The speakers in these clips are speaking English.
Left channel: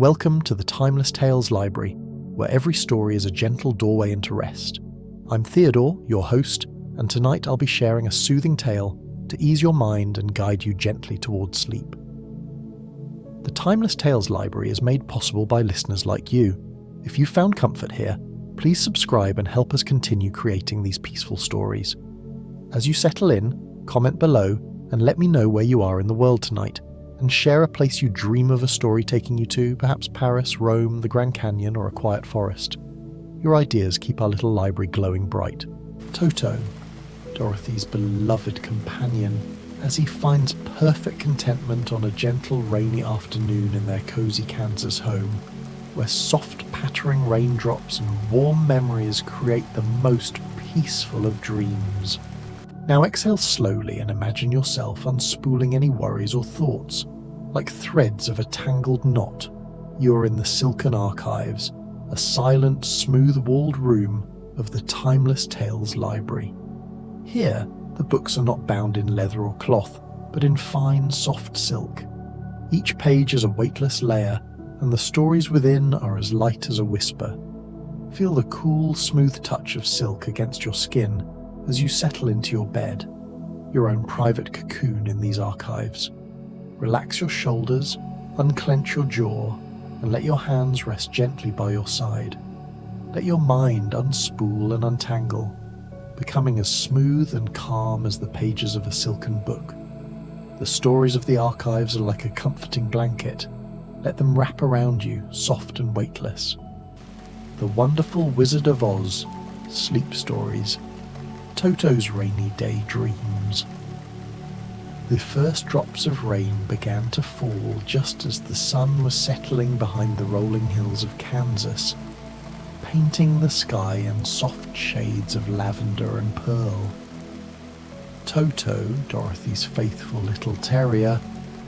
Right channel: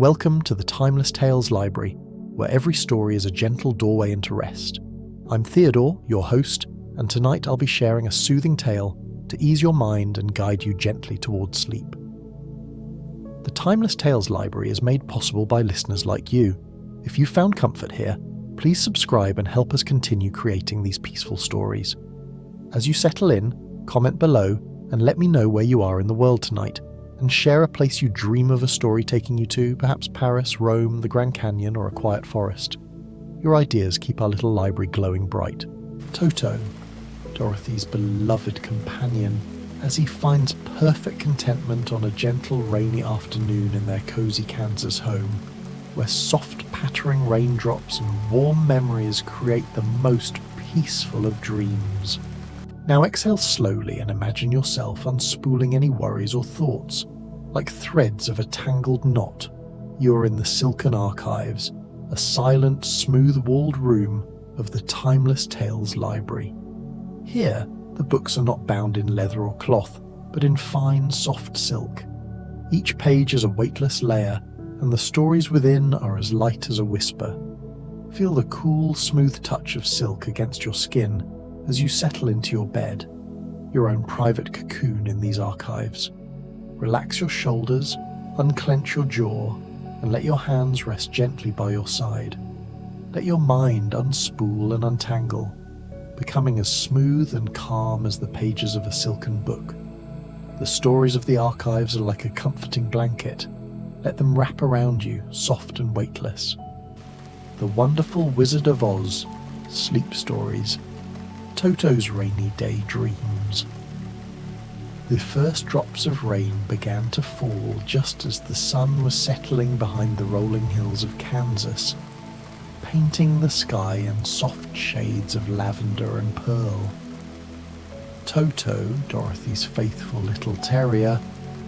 Welcome to the Timeless Tales Library, where every story is a gentle doorway into rest. I'm Theodore, your host, and tonight I'll be sharing a soothing tale to ease your mind and guide you gently towards sleep. The Timeless Tales Library is made possible by listeners like you. If you found comfort here, please subscribe and help us continue creating these peaceful stories. As you settle in, comment below and let me know where you are in the world tonight, and share a place you dream of a story taking you to, perhaps Paris, Rome, the Grand Canyon, or a quiet forest. Your ideas keep our little library glowing bright. Toto, Dorothy's beloved companion, as he finds perfect contentment on a gentle rainy afternoon in their cozy Kansas home, where soft pattering raindrops and warm memories create the most peaceful of dreams. Now exhale slowly and imagine yourself unspooling any worries or thoughts. Like threads of a tangled knot, you're in the silken archives, a silent, smooth-walled room of the Timeless Tales Library. Here, the books are not bound in leather or cloth, but in fine, soft silk. Each page is a weightless layer, and the stories within are as light as a whisper. Feel the cool, smooth touch of silk against your skin as you settle into your bed, your own private cocoon in these archives. Relax your shoulders, unclench your jaw, and let your hands rest gently by your side. Let your mind unspool and untangle, becoming as smooth and calm as the pages of a silken book. The stories of the archives are like a comforting blanket. Let them wrap around you, soft and weightless. The Wonderful Wizard of Oz, Sleep Stories, Toto's Rainy Day Dreams. The first drops of rain began to fall just as the sun was settling behind the rolling hills of Kansas, painting the sky in soft shades of lavender and pearl. Toto, Dorothy's faithful little terrier,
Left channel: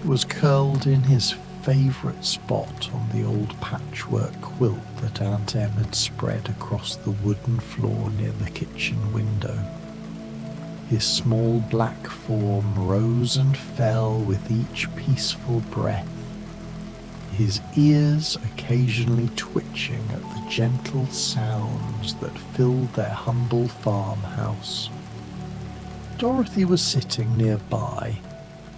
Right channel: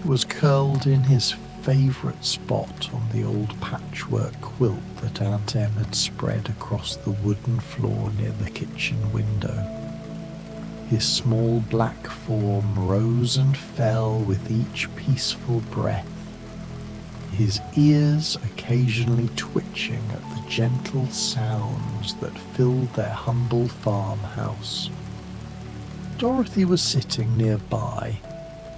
was curled in his favourite spot on the old patchwork quilt that Aunt Em had spread across the wooden floor near the kitchen window. His small black form rose and fell with each peaceful breath, his ears occasionally twitching at the gentle sounds that filled their humble farmhouse. Dorothy was sitting nearby,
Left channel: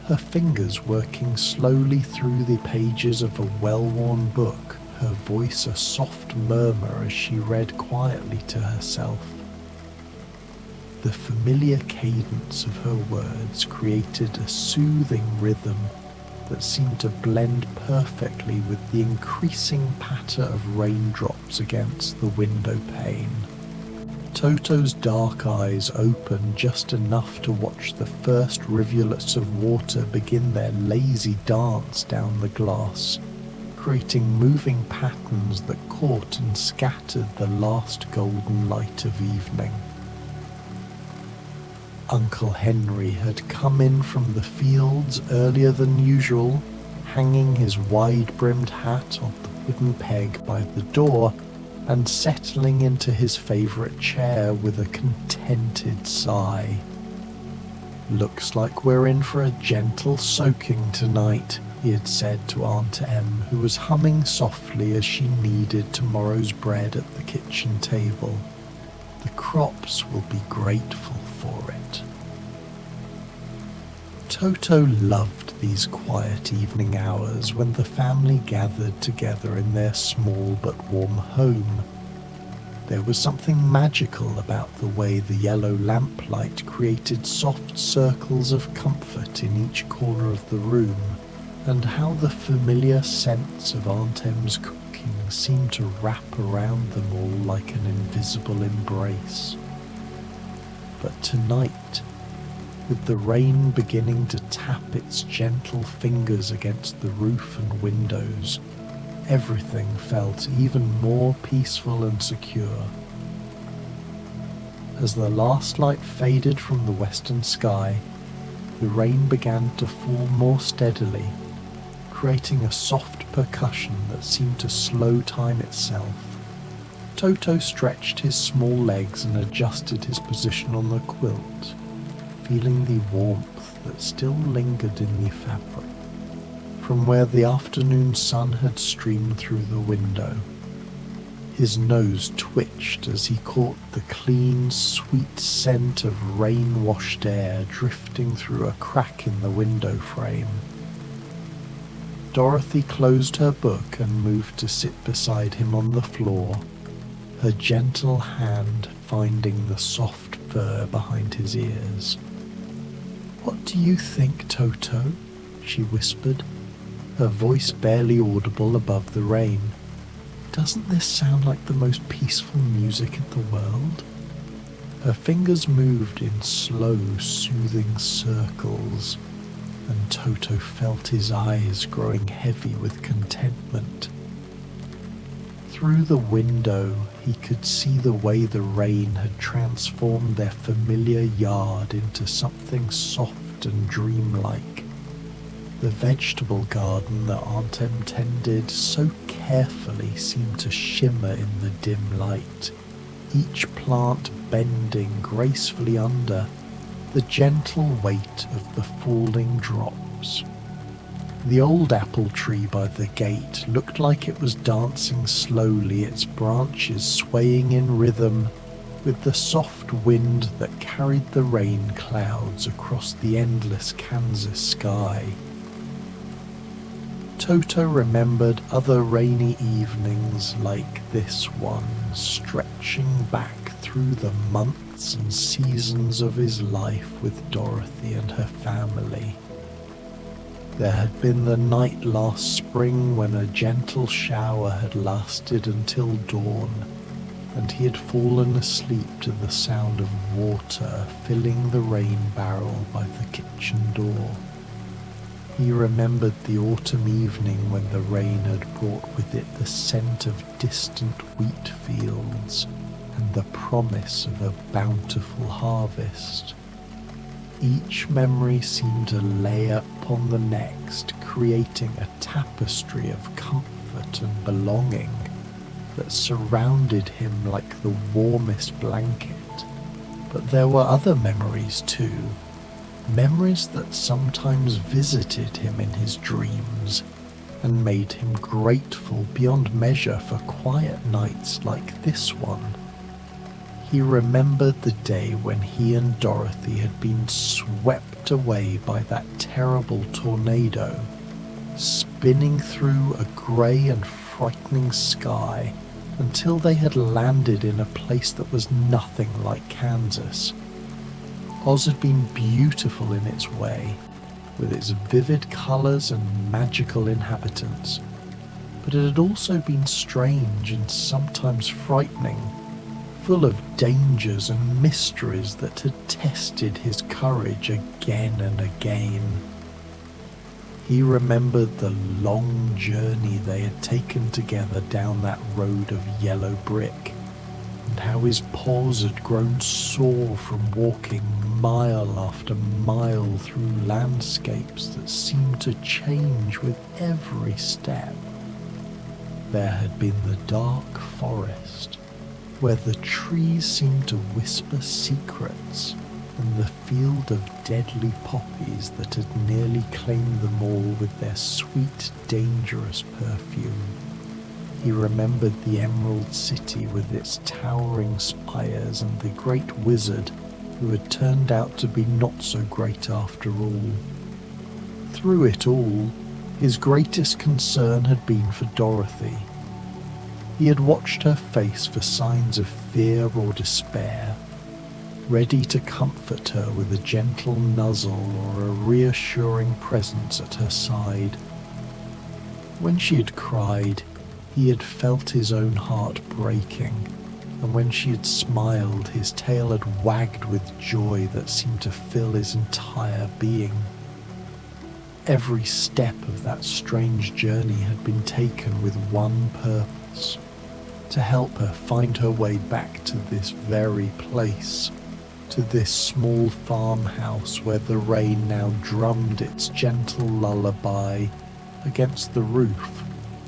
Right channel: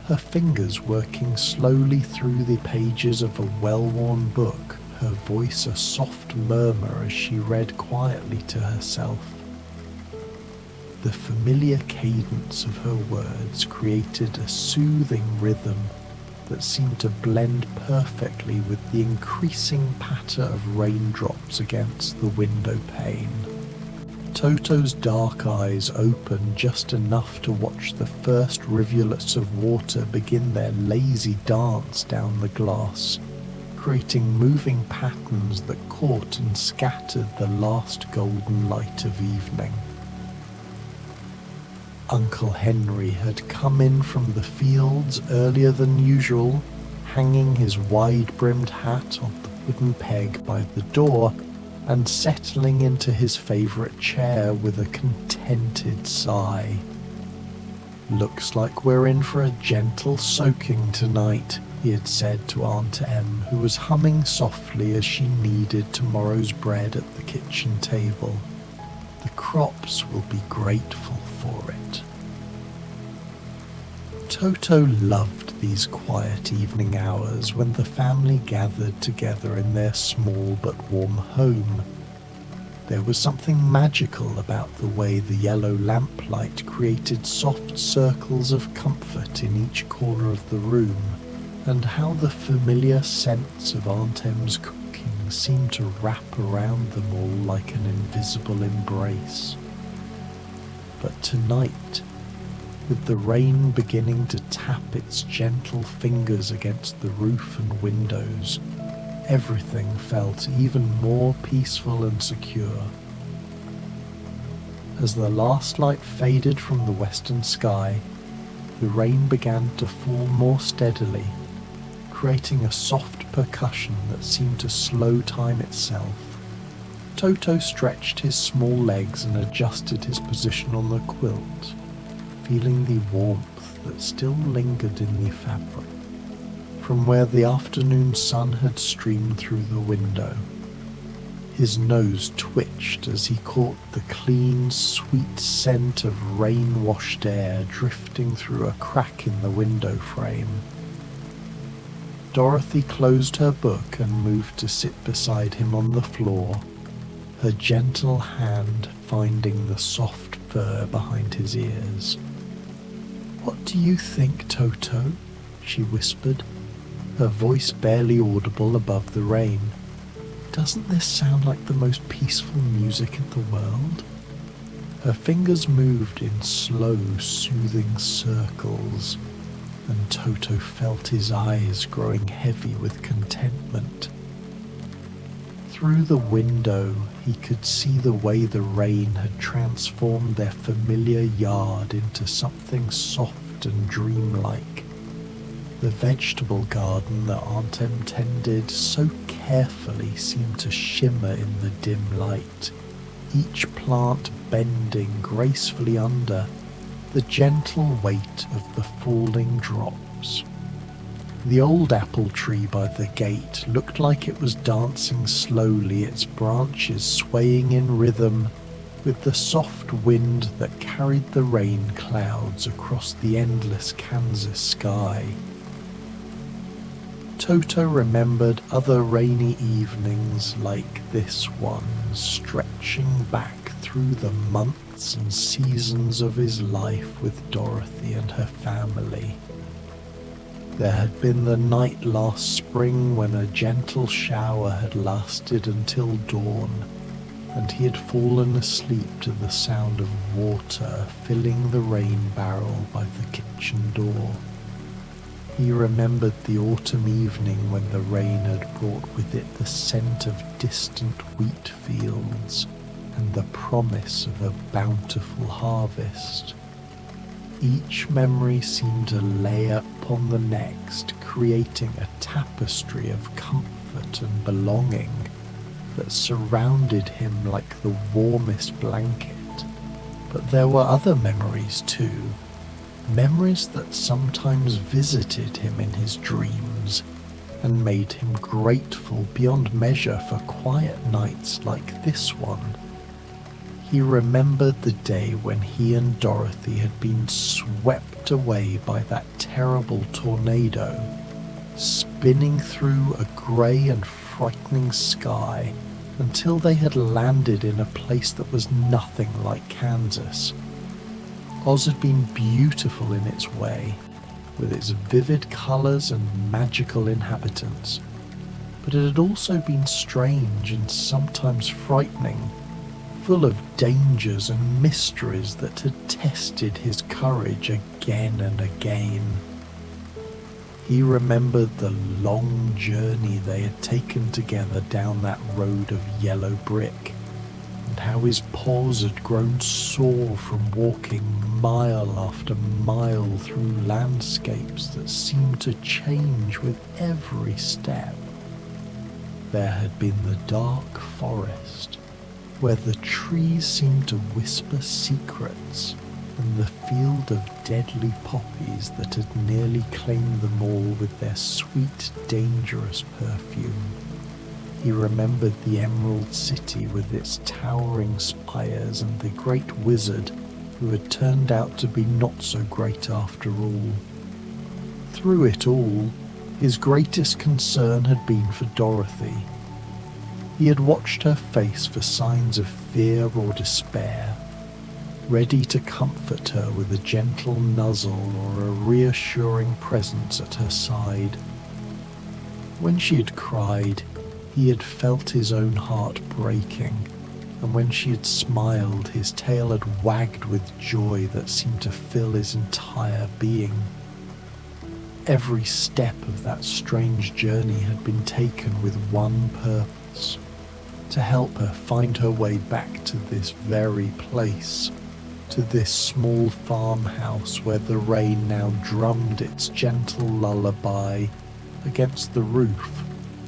her fingers working slowly through the pages of a well-worn book, her voice a soft murmur as she read quietly to herself. The familiar cadence of her words created a soothing rhythm that seemed to blend perfectly with the increasing patter of raindrops against the window pane. Toto's dark eyes opened just enough to watch the first rivulets of water begin their lazy dance down the glass, creating moving patterns that caught and scattered the last golden light of evening. Uncle Henry had come in from the fields earlier than usual, hanging his wide-brimmed hat on the wooden peg by the door and settling into his favourite chair with a contented sigh. "Looks like we're in for a gentle soaking tonight," he had said to Aunt Em, who was humming softly as she kneaded tomorrow's bread at the kitchen table. "The crops will be grateful for it." Toto loved these quiet evening hours when the family gathered together in their small but warm home. There was something magical about the way the yellow lamplight created soft circles of comfort in each corner of the room, and how the familiar scents of Aunt Em's cooking seemed to wrap around them all like an invisible embrace. But tonight, with the rain beginning to tap its gentle fingers against the roof and windows, everything felt even more peaceful and secure. As the last light faded from the western sky, the rain began to fall more steadily, creating a soft percussion that seemed to slow time itself. Toto stretched his small legs and adjusted his position on the quilt, feeling the warmth that still lingered in the fabric. from where the afternoon sun had streamed through the window. His nose twitched as he caught the clean, sweet scent of rain-washed air drifting through a crack in the window frame. Dorothy closed her book and moved to sit beside him on the floor, her gentle hand finding the soft fur behind his ears. "What do you think, Toto?" she whispered, her voice barely audible above the rain. "Doesn't this sound like the most peaceful music in the world?" Her fingers moved in slow, soothing circles, and Toto felt his eyes growing heavy with contentment. Through the window, he could see the way the rain had transformed their familiar yard into something soft and dreamlike. The vegetable garden that Aunt Em tended so carefully seemed to shimmer in the dim light, each plant bending gracefully under the gentle weight of the falling drops. The old apple tree by the gate looked like it was dancing slowly, its branches swaying in rhythm with the soft wind that carried the rain clouds across the endless Kansas sky. Toto remembered other rainy evenings like this one, stretching back through the months and seasons of his life with Dorothy and her family. There had been the night last spring when a gentle shower had lasted until dawn, and he had fallen asleep to the sound of water filling the rain barrel by the kitchen door. He remembered the autumn evening when the rain had brought with it the scent of distant wheat fields and the promise of a bountiful harvest. Each memory seemed to lay upon the next, creating a tapestry of comfort and belonging that surrounded him like the warmest blanket. But there were other memories too, memories that sometimes visited him in his dreams and made him grateful beyond measure for quiet nights like this one. He remembered the day when he and Dorothy had been swept away by that terrible tornado, spinning through a grey and frightening sky until they had landed in a place that was nothing like Kansas. Oz had been beautiful in its way, with its vivid colours and magical inhabitants, but it had also been strange and sometimes frightening, full of dangers and mysteries that had tested his courage again and again. He remembered the long journey they had taken together down that road of yellow brick, and how his paws had grown sore from walking mile after mile through landscapes that seemed to change with every step. There had been the dark forest, where the trees seemed to whisper secrets, and the field of deadly poppies that had nearly claimed them all with their sweet, dangerous perfume. He remembered the Emerald City with its towering spires and the great wizard who had turned out to be not so great after all. Through it all, his greatest concern had been for Dorothy. He had watched her face for signs of fear or despair, ready to comfort her with a gentle nuzzle or a reassuring presence at her side. When she had cried, he had felt his own heart breaking, and when she had smiled, his tail had wagged with joy that seemed to fill his entire being. Every step of that strange journey had been taken with one purpose: to help her find her way back to this very place, to this small farmhouse where the rain now drummed its gentle lullaby against the roof.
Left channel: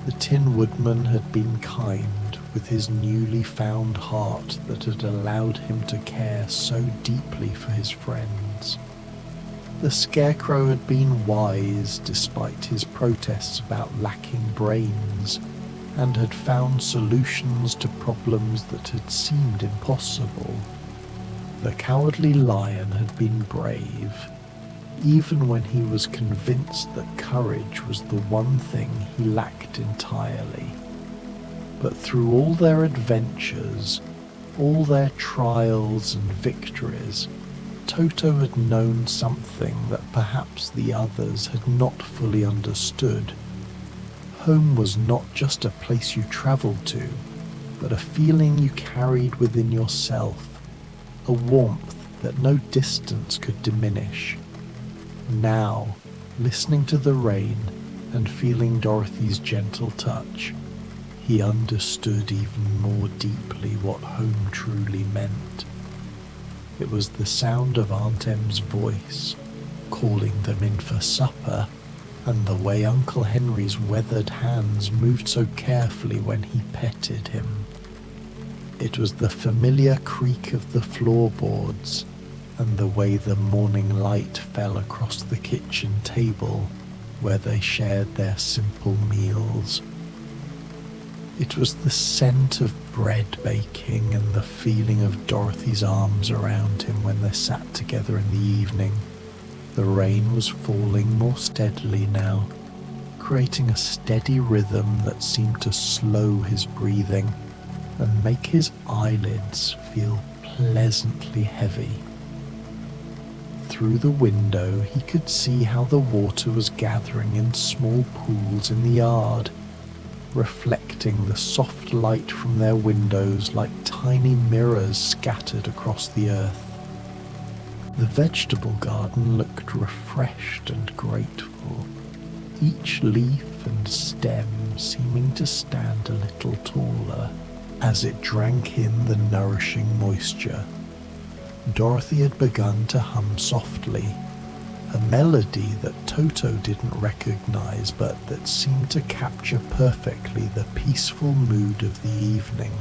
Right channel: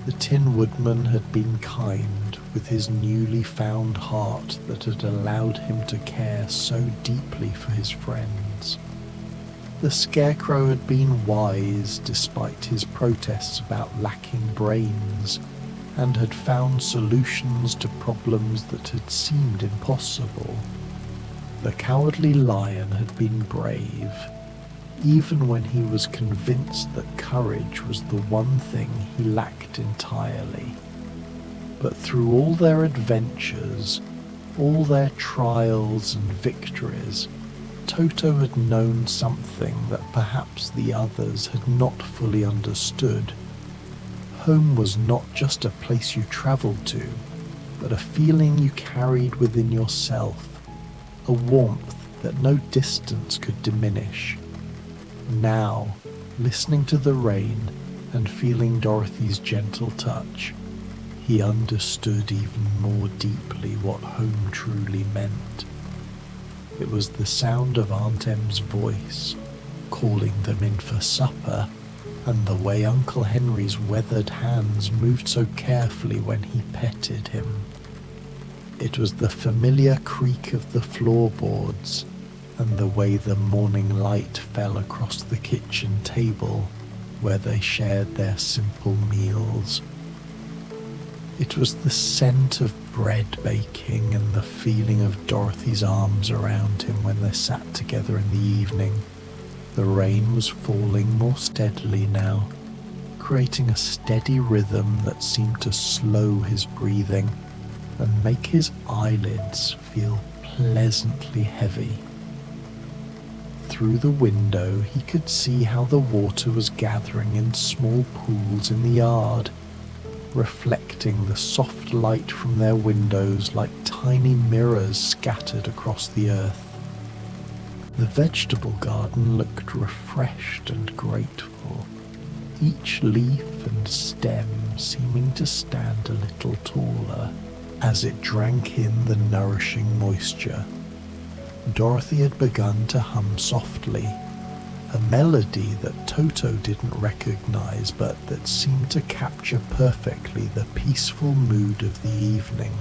The Tin Woodman had been kind with his newly found heart that had allowed him to care so deeply for his friends. The scarecrow had been wise despite his protests about lacking brains, and had found solutions to problems that had seemed impossible. The cowardly lion had been brave, even when he was convinced that courage was the one thing he lacked entirely. But through all their adventures, all their trials and victories, Toto had known something that perhaps the others had not fully understood. Home was not just a place you travelled to, but a feeling you carried within yourself, a warmth that no distance could diminish. Now, listening to the rain and feeling Dorothy's gentle touch, he understood even more deeply what home truly meant. It was the sound of Aunt Em's voice, calling them in for supper, and the way Uncle Henry's weathered hands moved so carefully when he petted him. It was the familiar creak of the floorboards, and the way the morning light fell across the kitchen table where they shared their simple meals. It was the scent of bread baking and the feeling of Dorothy's arms around him when they sat together in the evening. The rain was falling more steadily now, creating a steady rhythm that seemed to slow his breathing and make his eyelids feel pleasantly heavy. Through the window he could see how the water was gathering in small pools in the yard, reflecting the soft light from their windows like tiny mirrors scattered across the earth. The vegetable garden looked refreshed and grateful, each leaf and stem seeming to stand a little taller as it drank in the nourishing moisture. Dorothy had begun to hum softly, a melody that Toto didn't recognize but that seemed to capture perfectly the peaceful mood of the evening.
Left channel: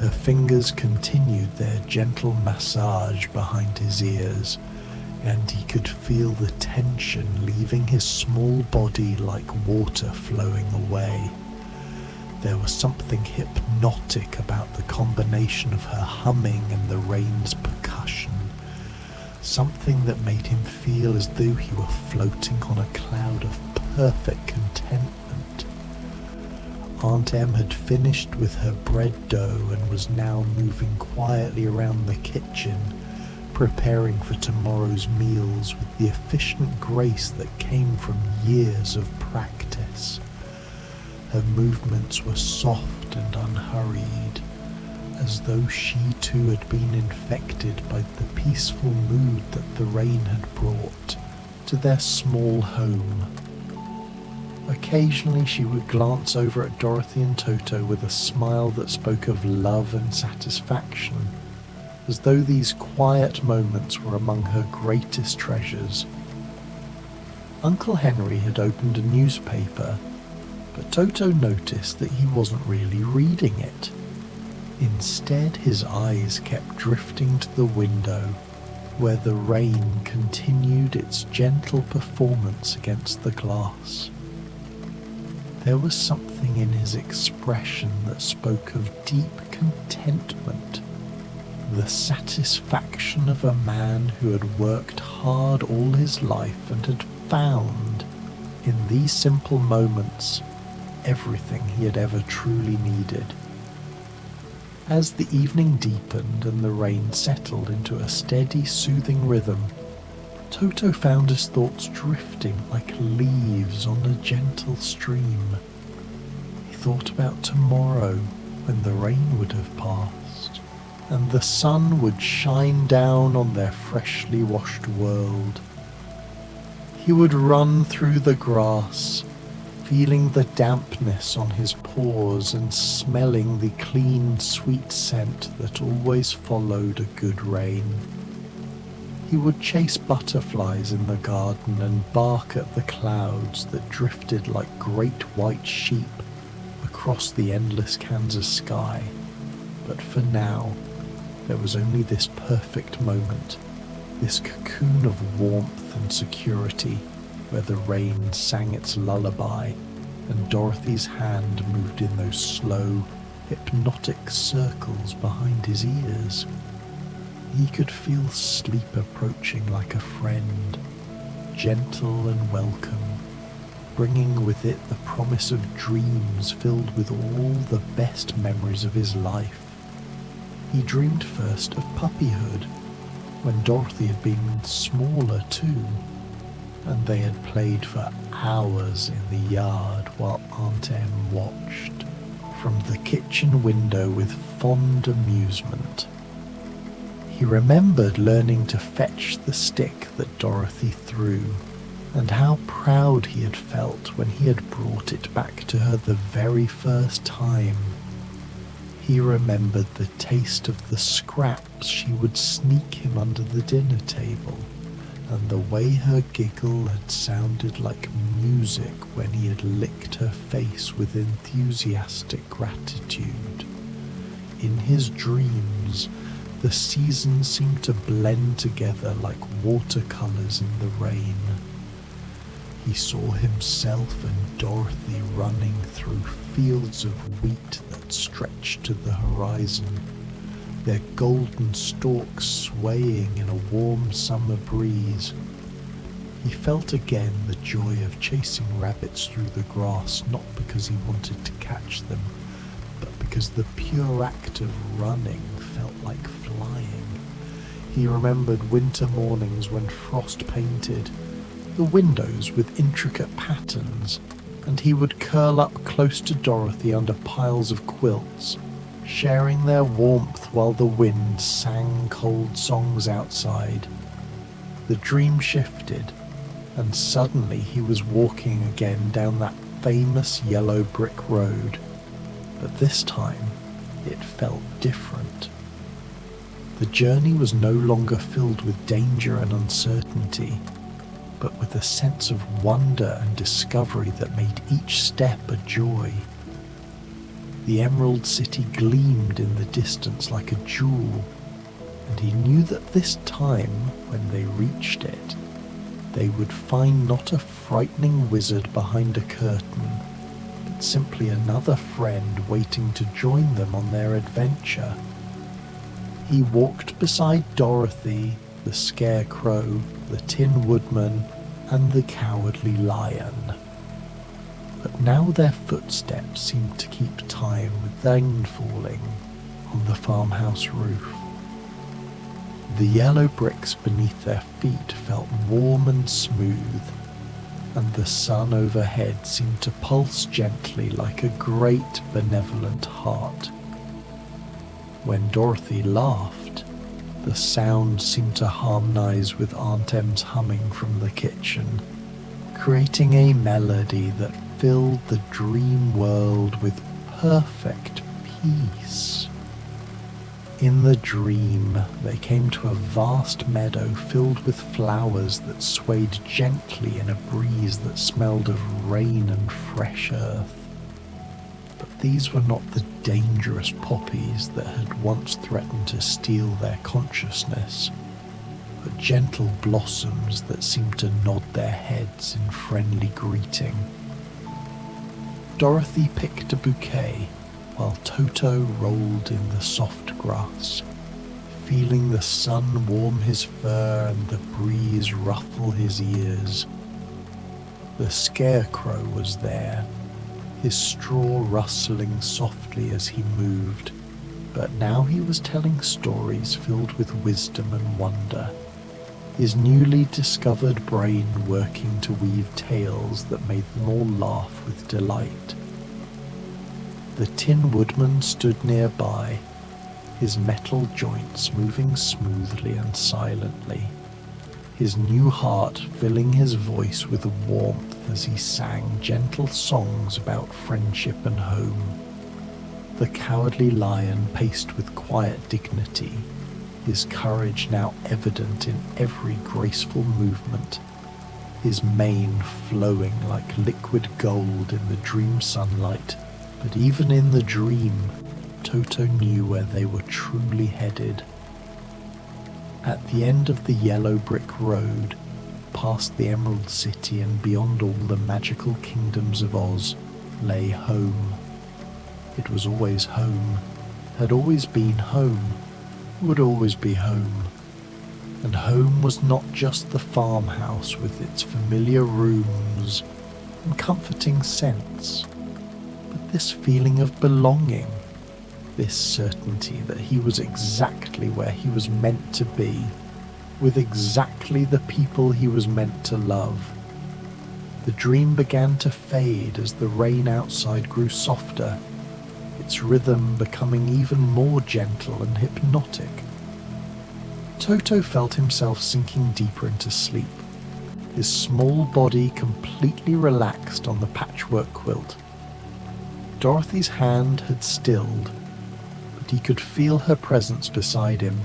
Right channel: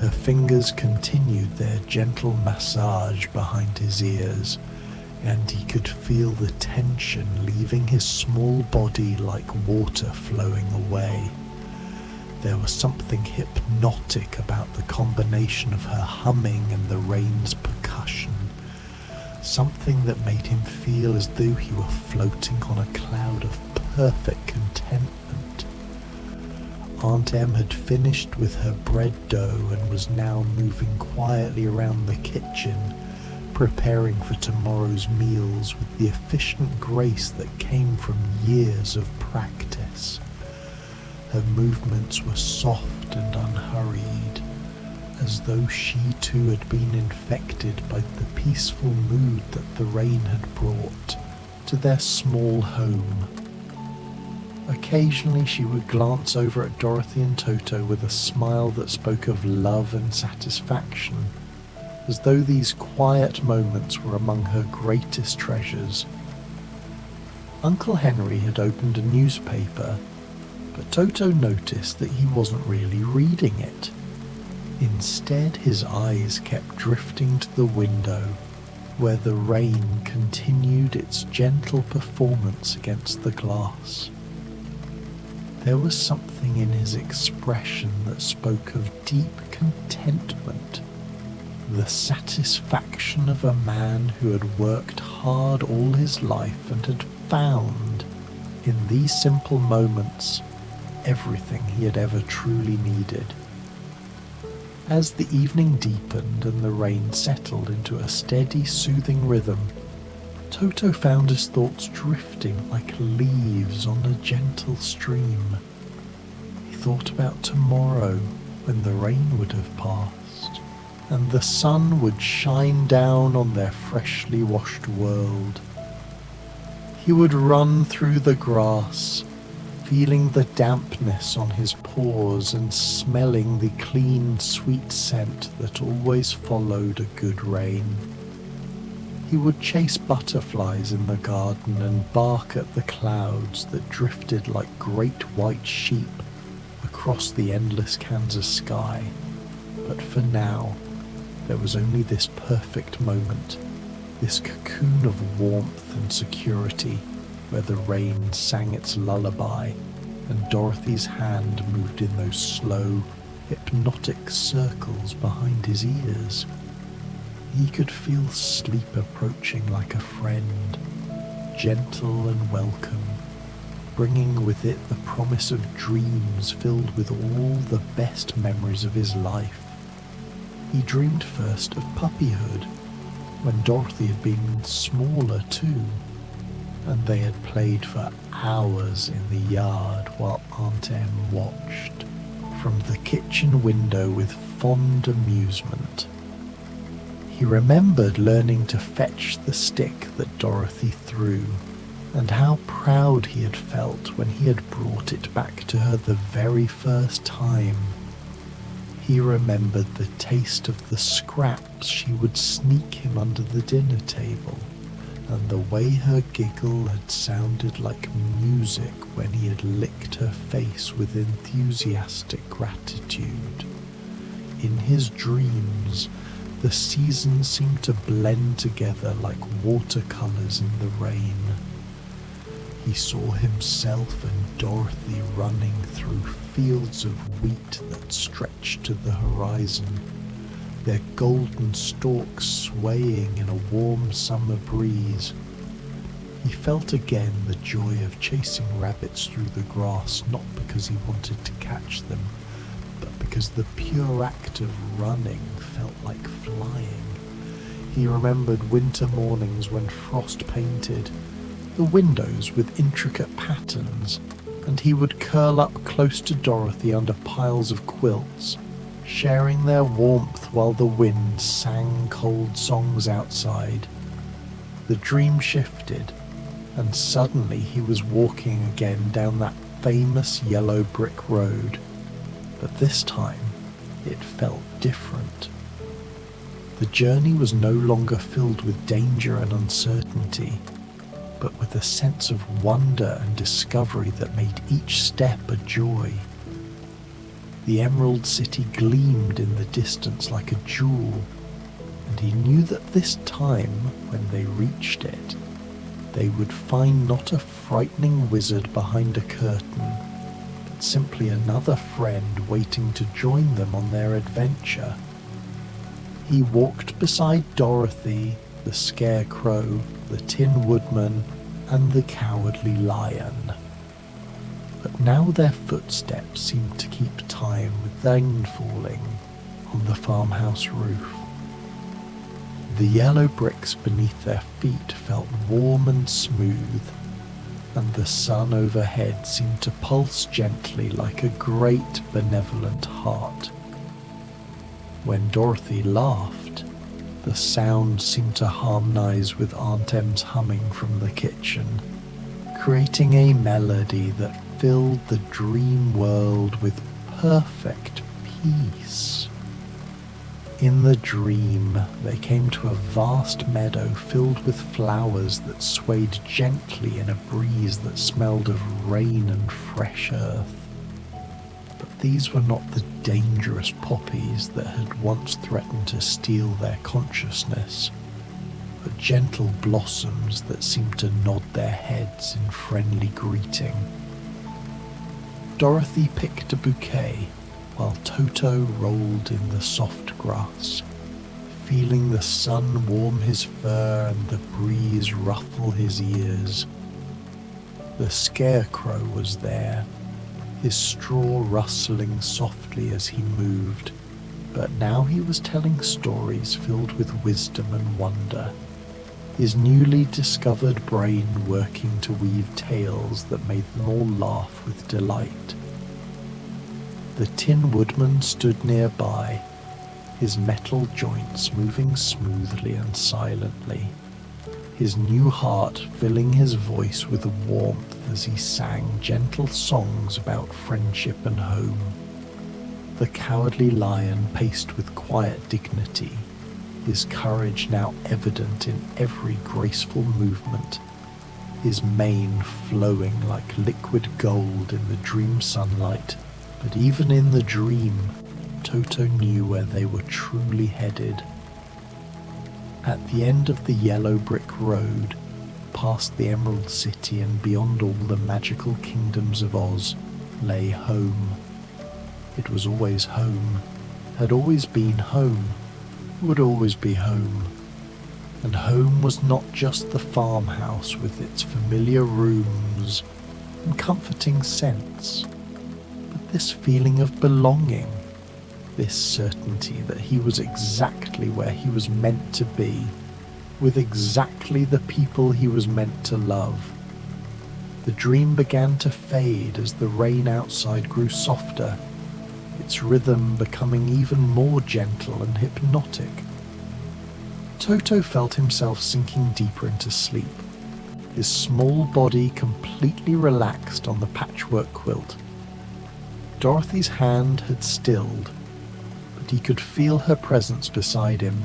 Her fingers continued their gentle massage behind his ears, and he could feel the tension leaving his small body like water flowing away. There was something hypnotic about the combination of her humming and the rain's percussion, something that made him feel as though he were floating on a cloud of perfect contentment. Aunt Em had finished with her bread dough and was now moving quietly around the kitchen, preparing for tomorrow's meals with the efficient grace that came from years of practice. Her movements were soft and unhurried, as though she too had been infected by the peaceful mood that the rain had brought to their small home. Occasionally she would glance over at Dorothy and Toto with a smile that spoke of love and satisfaction, as though these quiet moments were among her greatest treasures. Uncle Henry had opened a newspaper, but Toto noticed that he wasn't really reading it. Instead, his eyes kept drifting to the window, where the rain continued its gentle performance against the glass. There was something in his expression that spoke of deep contentment, the satisfaction of a man who had worked hard all his life and had found, in these simple moments, everything he had ever truly needed. As the evening deepened and the rain settled into a steady, soothing rhythm, Toto found his thoughts drifting like leaves on a gentle stream. He thought about tomorrow when the rain would have passed, and the sun would shine down on their freshly washed world. He would run through the grass, feeling the dampness on his paws and smelling the clean, sweet scent that always followed a good rain. He would chase butterflies in the garden and bark at the clouds that drifted like great white sheep across the endless Kansas sky. But for now, there was only this perfect moment, this cocoon of warmth and security where the rain sang its lullaby and Dorothy's hand moved in those slow, hypnotic circles behind his ears. He could feel sleep approaching like a friend, gentle and welcome, bringing with it the promise of dreams filled with all the best memories of his life. He dreamed first of puppyhood, when Dorothy had been smaller too, and they had played for hours in the yard while Aunt Em watched from the kitchen window with fond amusement. He remembered learning to fetch the stick that Dorothy threw, and how proud he had felt when he had brought it back to her the very first time. He remembered the taste of the scraps she would sneak him under the dinner table, and the way her giggle had sounded like music when he had licked her face with enthusiastic gratitude. In his dreams, the seasons seemed to blend together like watercolours in the rain. He saw himself and Dorothy running through fields of wheat that stretched to the horizon, their golden stalks swaying in a warm summer breeze. He felt again the joy of chasing rabbits through the grass, not because he wanted to catch them, but because the pure act of running felt like flying. He remembered winter mornings when frost painted the windows with intricate patterns, and he would curl up close to Dorothy under piles of quilts, sharing their warmth while the wind sang cold songs outside. The dream shifted, and suddenly he was walking again down that famous yellow brick road, but this time it felt different. The journey was no longer filled with danger and uncertainty, but with a sense of wonder and discovery that made each step a joy. The Emerald City gleamed in the distance like a jewel, and he knew that this time, when they reached it, they would find not a frightening wizard behind a curtain, but simply another friend waiting to join them on their adventure. He walked beside Dorothy, the Scarecrow, the Tin Woodman, and the Cowardly Lion. But now their footsteps seemed to keep time with rain falling on the farmhouse roof. The yellow bricks beneath their feet felt warm and smooth, and the sun overhead seemed to pulse gently like a great benevolent heart. When Dorothy laughed, the sound seemed to harmonize with Aunt Em's humming from the kitchen, creating a melody that filled the dream world with perfect peace. In the dream, they came to a vast meadow filled with flowers that swayed gently in a breeze that smelled of rain and fresh earth. But these were not the dangerous poppies that had once threatened to steal their consciousness, but gentle blossoms that seemed to nod their heads in friendly greeting. Dorothy picked a bouquet, while Toto rolled in the soft grass, feeling the sun warm his fur and the breeze ruffle his ears. The Scarecrow was there, his straw rustling softly as he moved, but now he was telling stories filled with wisdom and wonder, his newly discovered brain working to weave tales that made them all laugh with delight. The Tin Woodman stood nearby, his metal joints moving smoothly and silently, his new heart filling his voice with warmth as he sang gentle songs about friendship and home. The Cowardly Lion paced with quiet dignity, his courage now evident in every graceful movement, his mane flowing like liquid gold in the dream sunlight. But even in the dream, Toto knew where they were truly headed. At the end of the yellow brick road, past the Emerald City and beyond all the magical kingdoms of Oz, lay home. It was always home, had always been home, would always be home. And home was not just the farmhouse with its familiar rooms and comforting scents, but this feeling of belonging, this certainty that he was exactly where he was meant to be, with exactly the people he was meant to love. The dream began to fade as the rain outside grew softer, its rhythm becoming even more gentle and hypnotic. Toto felt himself sinking deeper into sleep, his small body completely relaxed on the patchwork quilt. Dorothy's hand had stilled, but he could feel her presence beside him,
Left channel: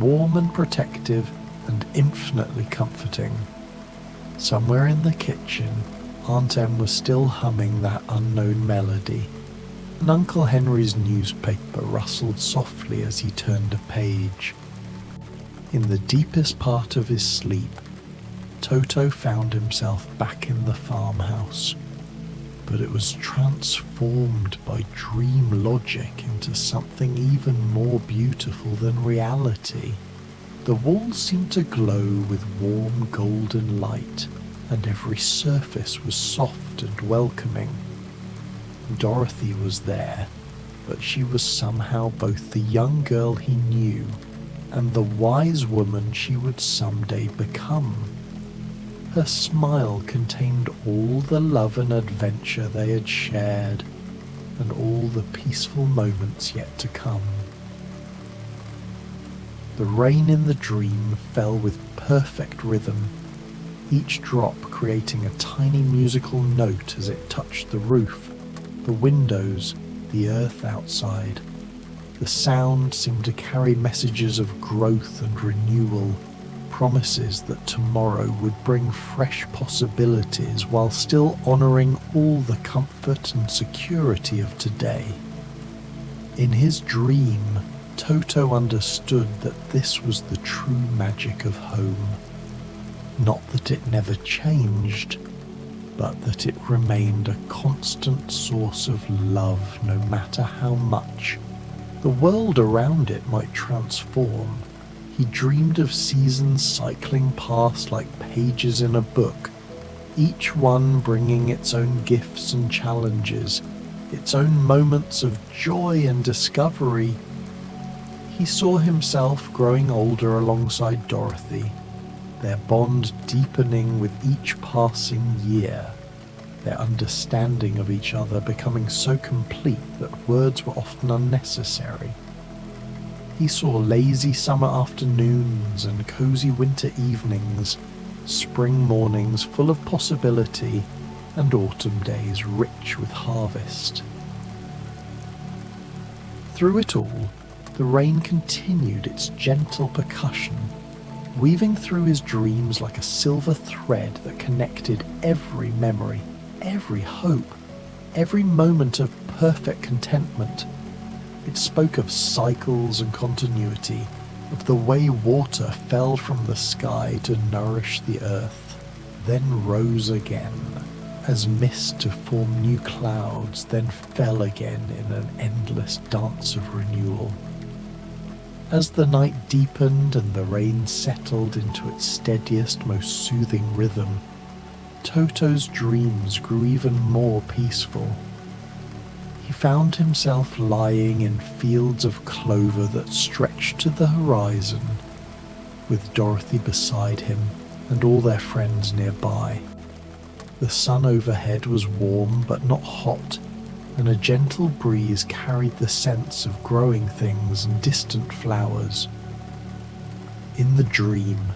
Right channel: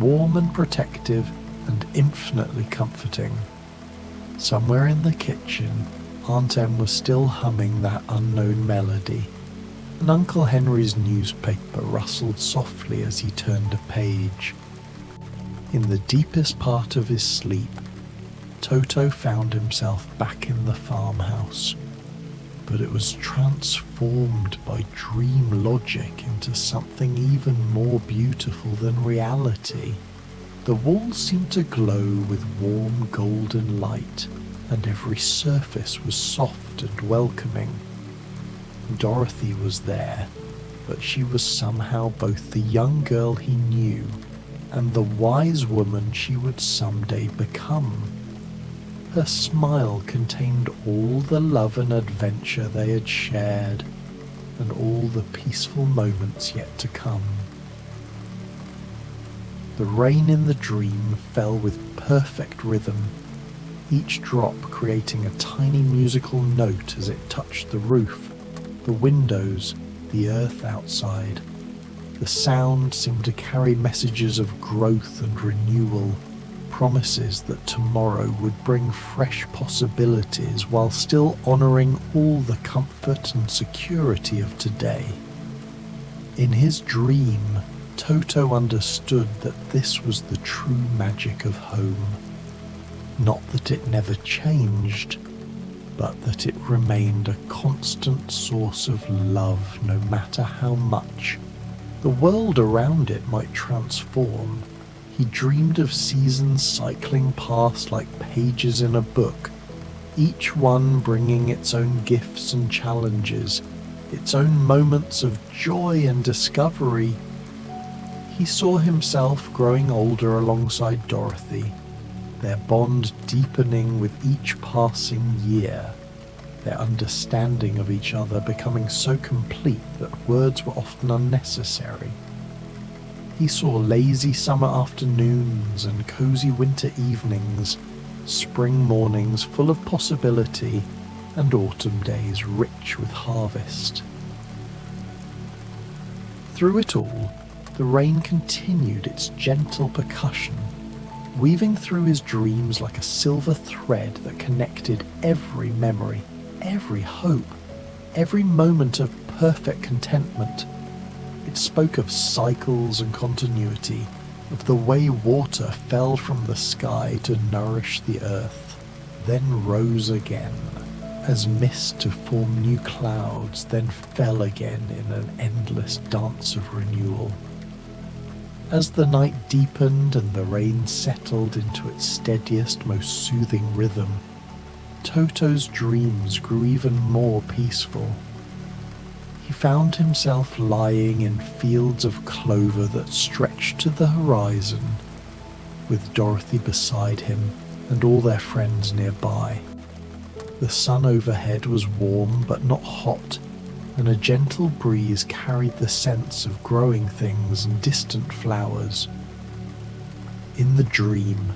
warm and protective and infinitely comforting. Somewhere in the kitchen, Aunt Em was still humming that unknown melody, and Uncle Henry's newspaper rustled softly as he turned a page. In the deepest part of his sleep, Toto found himself back in the farmhouse, but it was transformed by dream logic into something even more beautiful than reality. The walls seemed to glow with warm golden light, and every surface was soft and welcoming. Dorothy was there, but she was somehow both the young girl he knew and the wise woman she would someday become. Her smile contained all the love and adventure they had shared, and all the peaceful moments yet to come. The rain in the dream fell with perfect rhythm, each drop creating a tiny musical note as it touched the roof, the windows, the earth outside. The sound seemed to carry messages of growth and renewal, promises that tomorrow would bring fresh possibilities while still honouring all the comfort and security of today. In his dream, Toto understood that this was the true magic of home. Not that it never changed, but that it remained a constant source of love no matter how much the world around it might transform. He dreamed of seasons cycling past like pages in a book, each one bringing its own gifts and challenges, its own moments of joy and discovery. He saw himself growing older alongside Dorothy, their bond deepening with each passing year, their understanding of each other becoming so complete that words were often unnecessary. He saw lazy summer afternoons and cozy winter evenings, spring mornings full of possibility, and autumn days rich with harvest. Through it all, the rain continued its gentle percussion, weaving through his dreams like a silver thread that connected every memory, every hope, every moment of perfect contentment. It spoke of cycles and continuity, of the way water fell from the sky to nourish the earth, then rose again, as mist to form new clouds, then fell again in an endless dance of renewal. As the night deepened and the rain settled into its steadiest, most soothing rhythm, Toto's dreams grew even more peaceful. He found himself lying in fields of clover that stretched to the horizon, with Dorothy beside him and all their friends nearby. The sun overhead was warm but not hot, and a gentle breeze carried the scents of growing things and distant flowers. In the dream,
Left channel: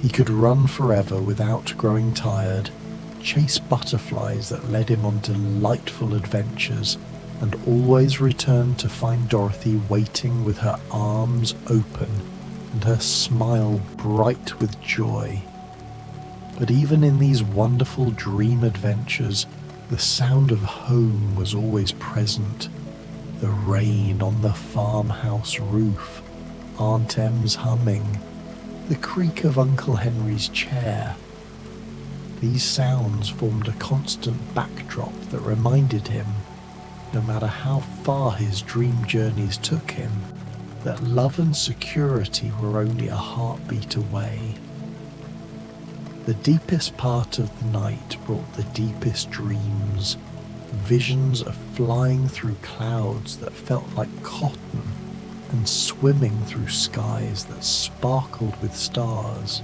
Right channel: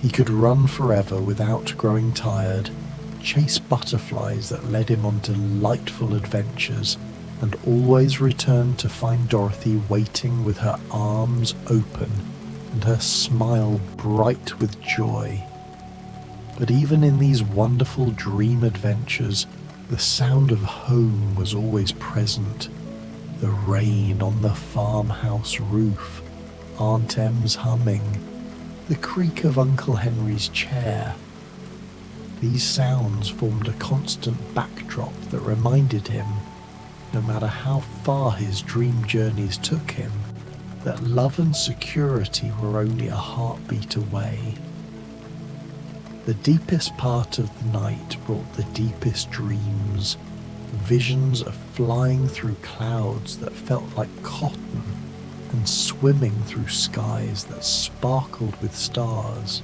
he could run forever without growing tired, chase butterflies that led him on delightful adventures, and always return to find Dorothy waiting with her arms open and her smile bright with joy. But even in these wonderful dream adventures, the sound of home was always present. The rain on the farmhouse roof, Aunt Em's humming, the creak of Uncle Henry's chair. These sounds formed a constant backdrop that reminded him, no matter how far his dream journeys took him, that love and security were only a heartbeat away. The deepest part of the night brought the deepest dreams, visions of flying through clouds that felt like cotton and swimming through skies that sparkled with stars.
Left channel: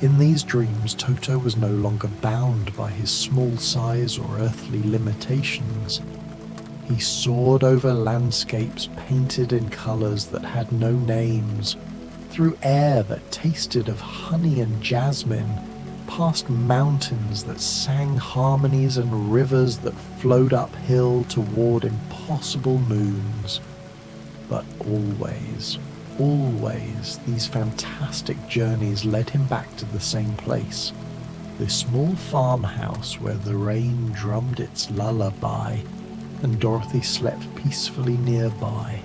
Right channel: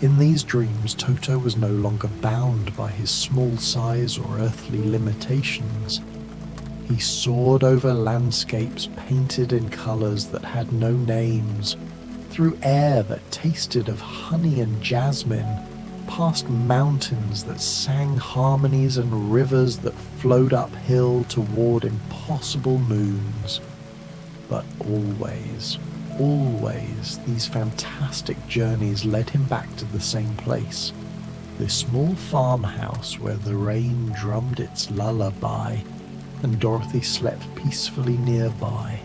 In these dreams, Toto was no longer bound by his small size or earthly limitations. He soared over landscapes painted in colours that had no names, through air that tasted of honey and jasmine, past mountains that sang harmonies and rivers that flowed uphill toward impossible moons. But always, always, these fantastic journeys led him back to the same place, this small farmhouse where the rain drummed its lullaby and Dorothy slept peacefully nearby.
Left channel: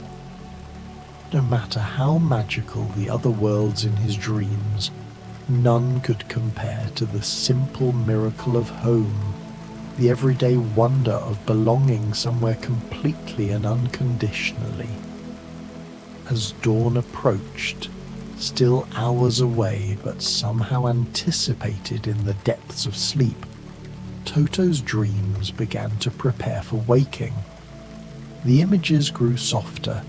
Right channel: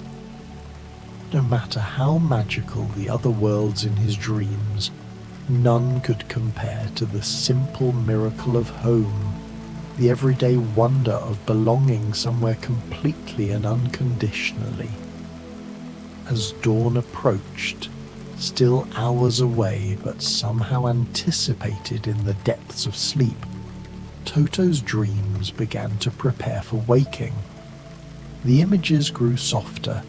No matter how magical the other worlds in his dreams, none could compare to the simple miracle of home, the everyday wonder of belonging somewhere completely and unconditionally. As dawn approached, still hours away but somehow anticipated in the depths of sleep, Toto's dreams began to prepare for waking. The images grew softer,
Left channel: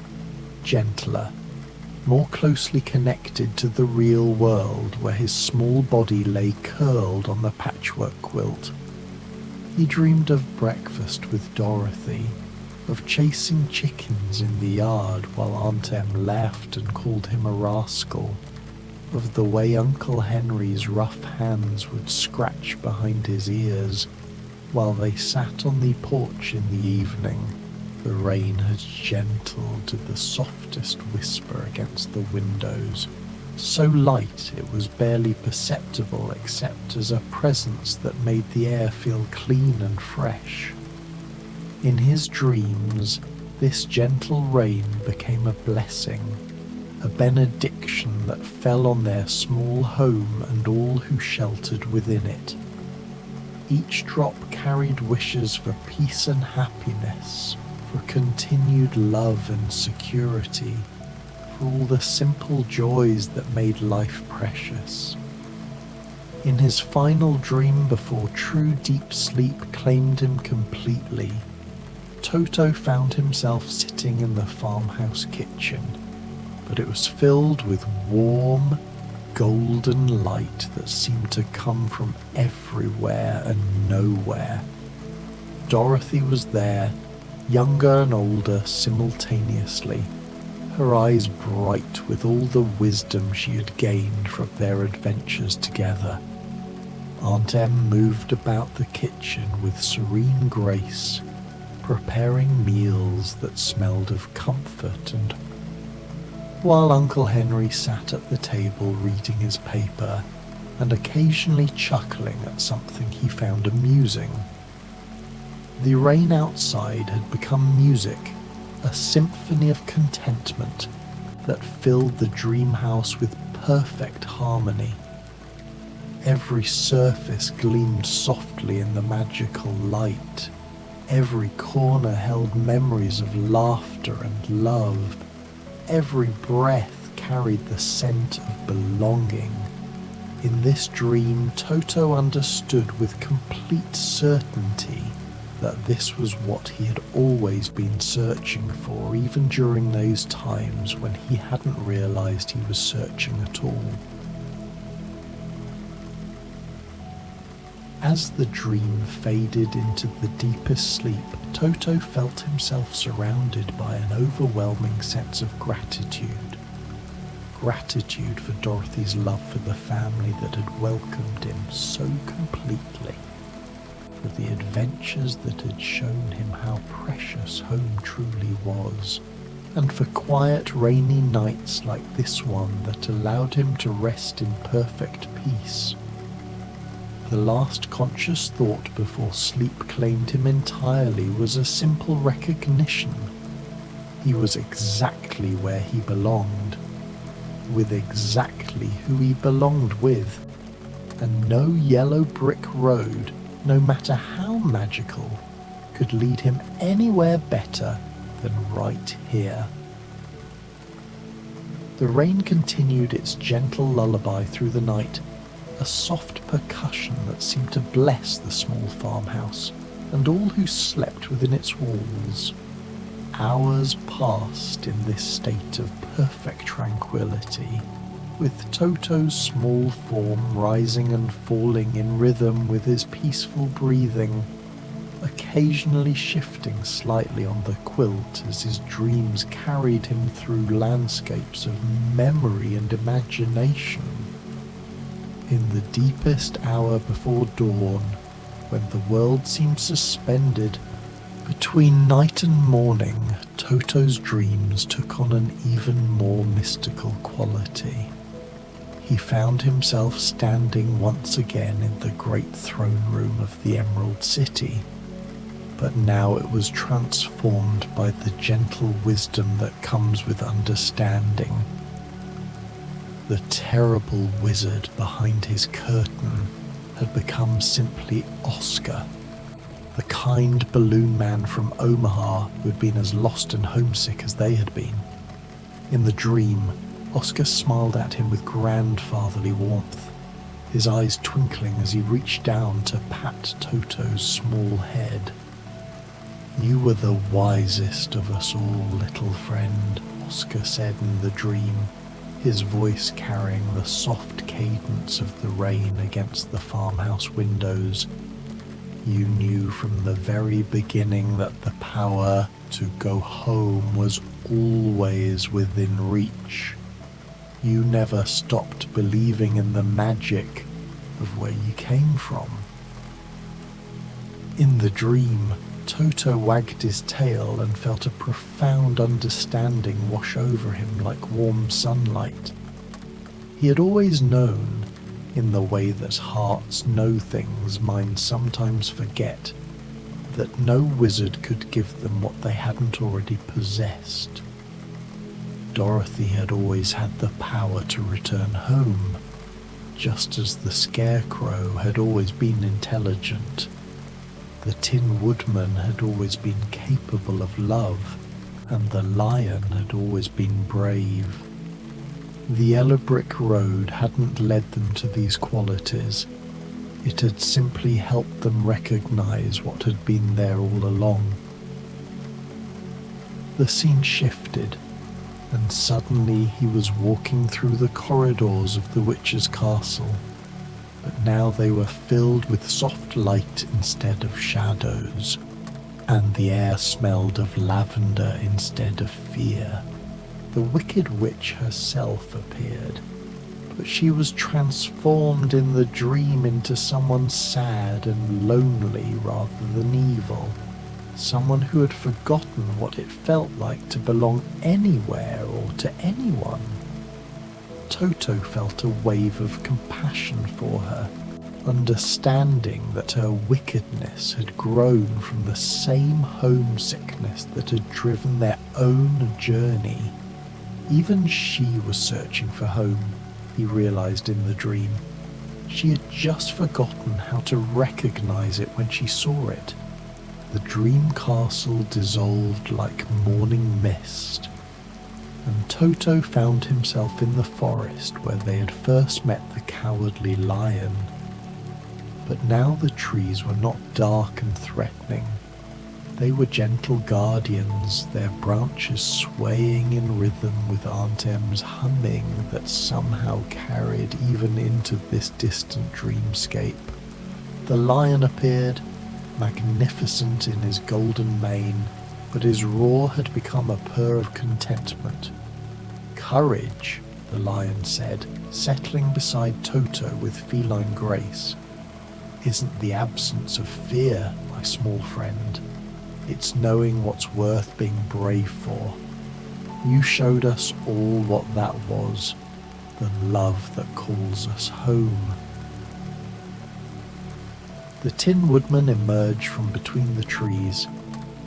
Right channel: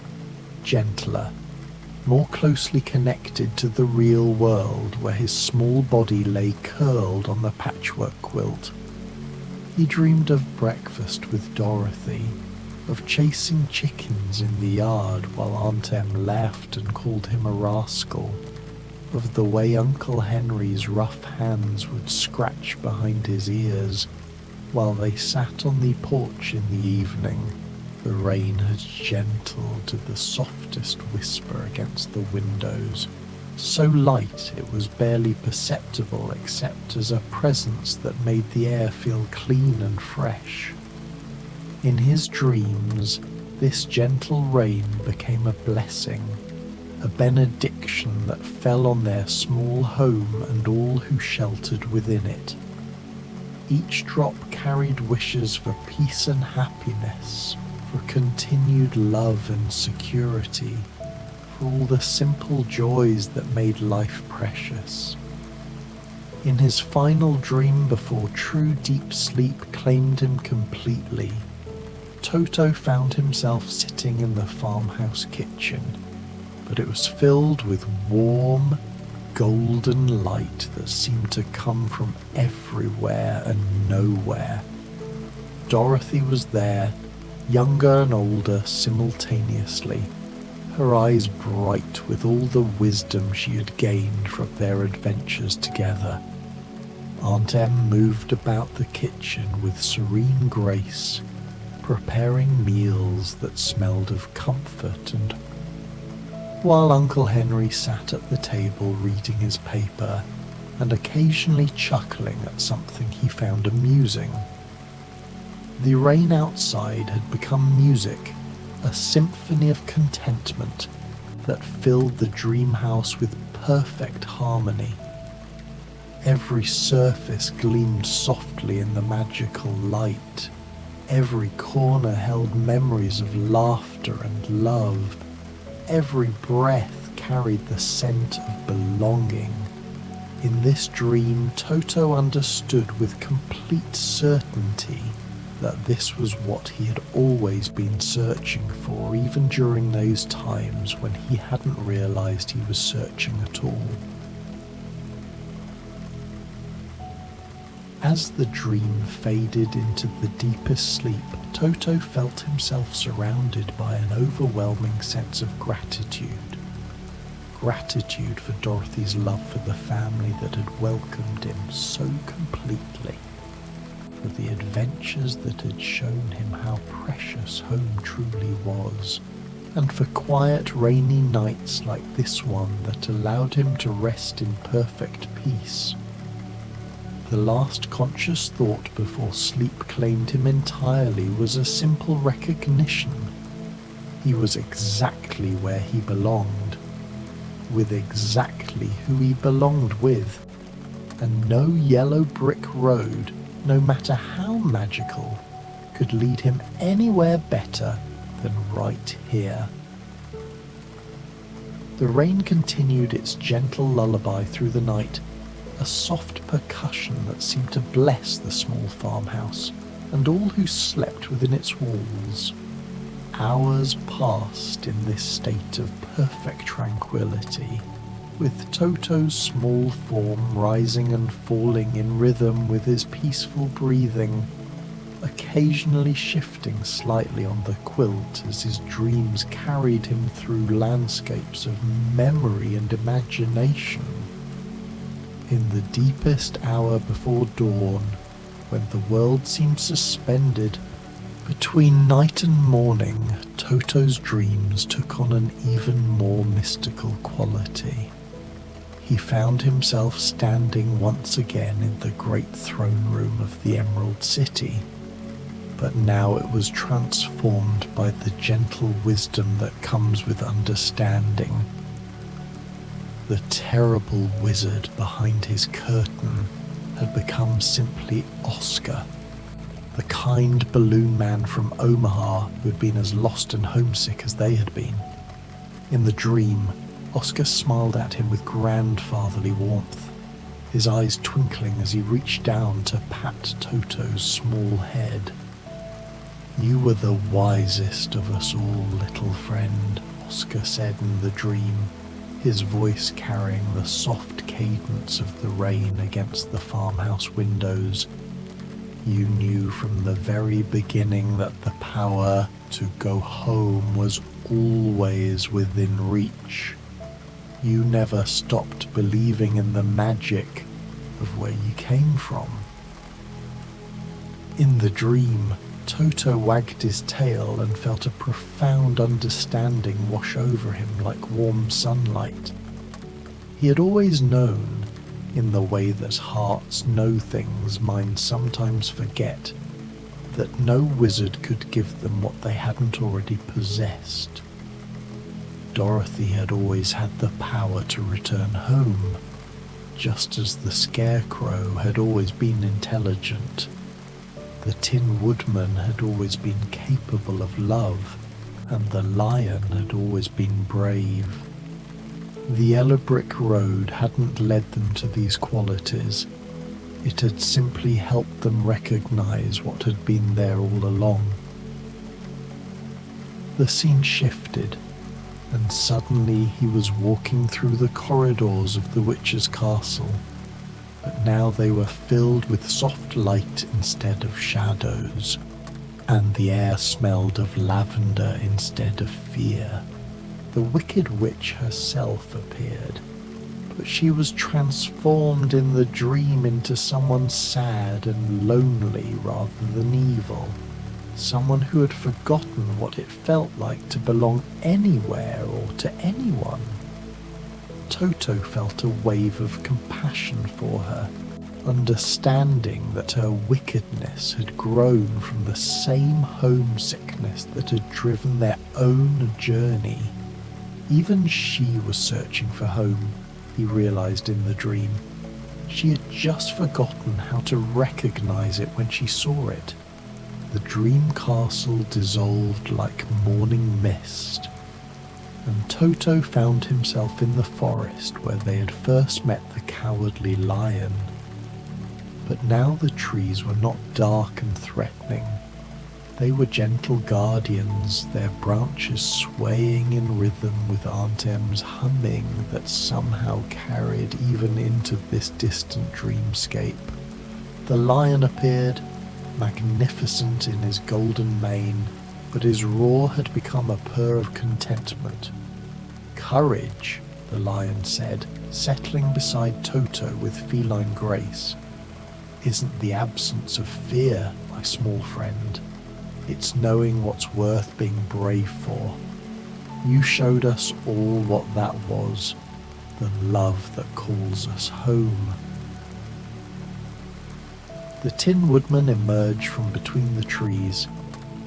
gentler, more closely connected to the real world where his small body lay curled on the patchwork quilt. He dreamed of breakfast with Dorothy, of chasing chickens in the yard while Aunt Em laughed and called him a rascal, of the way Uncle Henry's rough hands would scratch behind his ears while they sat on the porch in the evening, the rain as gentle to the softest whisper against the windows, so light it was barely perceptible except as a presence that made the air feel clean and fresh. In his dreams, this gentle rain became a blessing, a benediction that fell on their small home and all who sheltered within it. Each drop carried wishes for peace and happiness, for continued love and security, for all the simple joys that made life precious. In his final dream before true deep sleep claimed him completely, Toto found himself sitting in the farmhouse kitchen, but it was filled with warm, golden light that seemed to come from everywhere and nowhere. Dorothy was there, younger and older simultaneously, her eyes bright with all the wisdom she had gained from their adventures together. Aunt Em moved about the kitchen with serene grace, preparing meals that smelled of comfort and while Uncle Henry sat at the table reading his paper and occasionally chuckling at something he found amusing. The rain outside had become music, a symphony of contentment that filled the dream house with perfect harmony. Every surface gleamed softly in the magical light. Every corner held memories of laughter and love. Every breath carried the scent of belonging. In this dream, Toto understood with complete certainty that this was what he had always been searching for, even during those times when he hadn't realized he was searching at all. As the dream faded into the deepest sleep, Toto felt himself surrounded by an overwhelming sense of gratitude. Gratitude for Dorothy's love for the family that had welcomed him so completely, for the adventures that had shown him how precious home truly was, and for quiet rainy nights like this one that allowed him to rest in perfect peace. The last conscious thought before sleep claimed him entirely was a simple recognition. He was exactly where he belonged. with exactly who he belonged with, and no yellow brick road, no matter how magical, could lead him anywhere better than right here. The rain continued its gentle lullaby through the night, a soft percussion that seemed to bless the small farmhouse and all who slept within its walls. Hours passed in this state of perfect tranquility, with Toto's small form rising and falling in rhythm with his peaceful breathing, occasionally shifting slightly on the quilt as his dreams carried him through landscapes of memory and imagination. In the deepest hour before dawn, when the world seemed suspended, between night and morning, Toto's dreams took on an even more mystical quality. He found himself standing once again in the great throne room of the Emerald City, but now it was transformed by the gentle wisdom that comes with understanding. The terrible wizard behind his curtain had become simply Oscar, the kind balloon man from Omaha who had been as lost and homesick as they had been. In the dream, Oscar smiled at him with grandfatherly warmth, his eyes twinkling as he reached down to pat Toto's small head. "You were the wisest of us all, little friend," Oscar said in the dream, his voice carrying the soft cadence of the rain against the farmhouse windows. "You knew from the very beginning that the power to go home was always within reach. You never stopped believing in the magic of where you came from." In the dream, Toto wagged his tail and felt a profound understanding wash over him like warm sunlight. He had always known, in the way that hearts know things minds sometimes forget, that no wizard could give them what they hadn't already possessed. Dorothy had always had the power to return home, just as the Scarecrow had always been intelligent. The Tin Woodman had always been capable of love, and the Lion had always been brave. The yellow brick road hadn't led them to these qualities. It had simply helped them recognize what had been there all along. The scene shifted, and suddenly he was walking through the corridors of the witch's castle. But now they were filled with soft light instead of shadows, and the air smelled of lavender instead of fear. The wicked witch herself appeared, but she was transformed in the dream into someone sad and lonely rather than evil, someone who had forgotten what it felt like to belong anywhere or to anyone. Toto felt a wave of compassion for her, understanding that her wickedness had grown from the same homesickness that had driven their own journey. Even she was searching for home, he realized in the dream. She had just forgotten how to recognize it when she saw it. The dream castle dissolved like morning mist, and Toto found himself in the forest where they had first met the cowardly lion. But now the trees were not dark and threatening. They were gentle guardians, their branches swaying in rhythm with Aunt Em's humming that somehow carried even into this distant dreamscape. The lion appeared, magnificent in his golden mane, but his roar had become a purr of contentment. "Courage," the lion said, settling beside Toto with feline grace, "isn't the absence of fear, my small friend. It's knowing what's worth being brave for. You showed us all what that was, the love that calls us home." The Tin Woodman emerged from between the trees,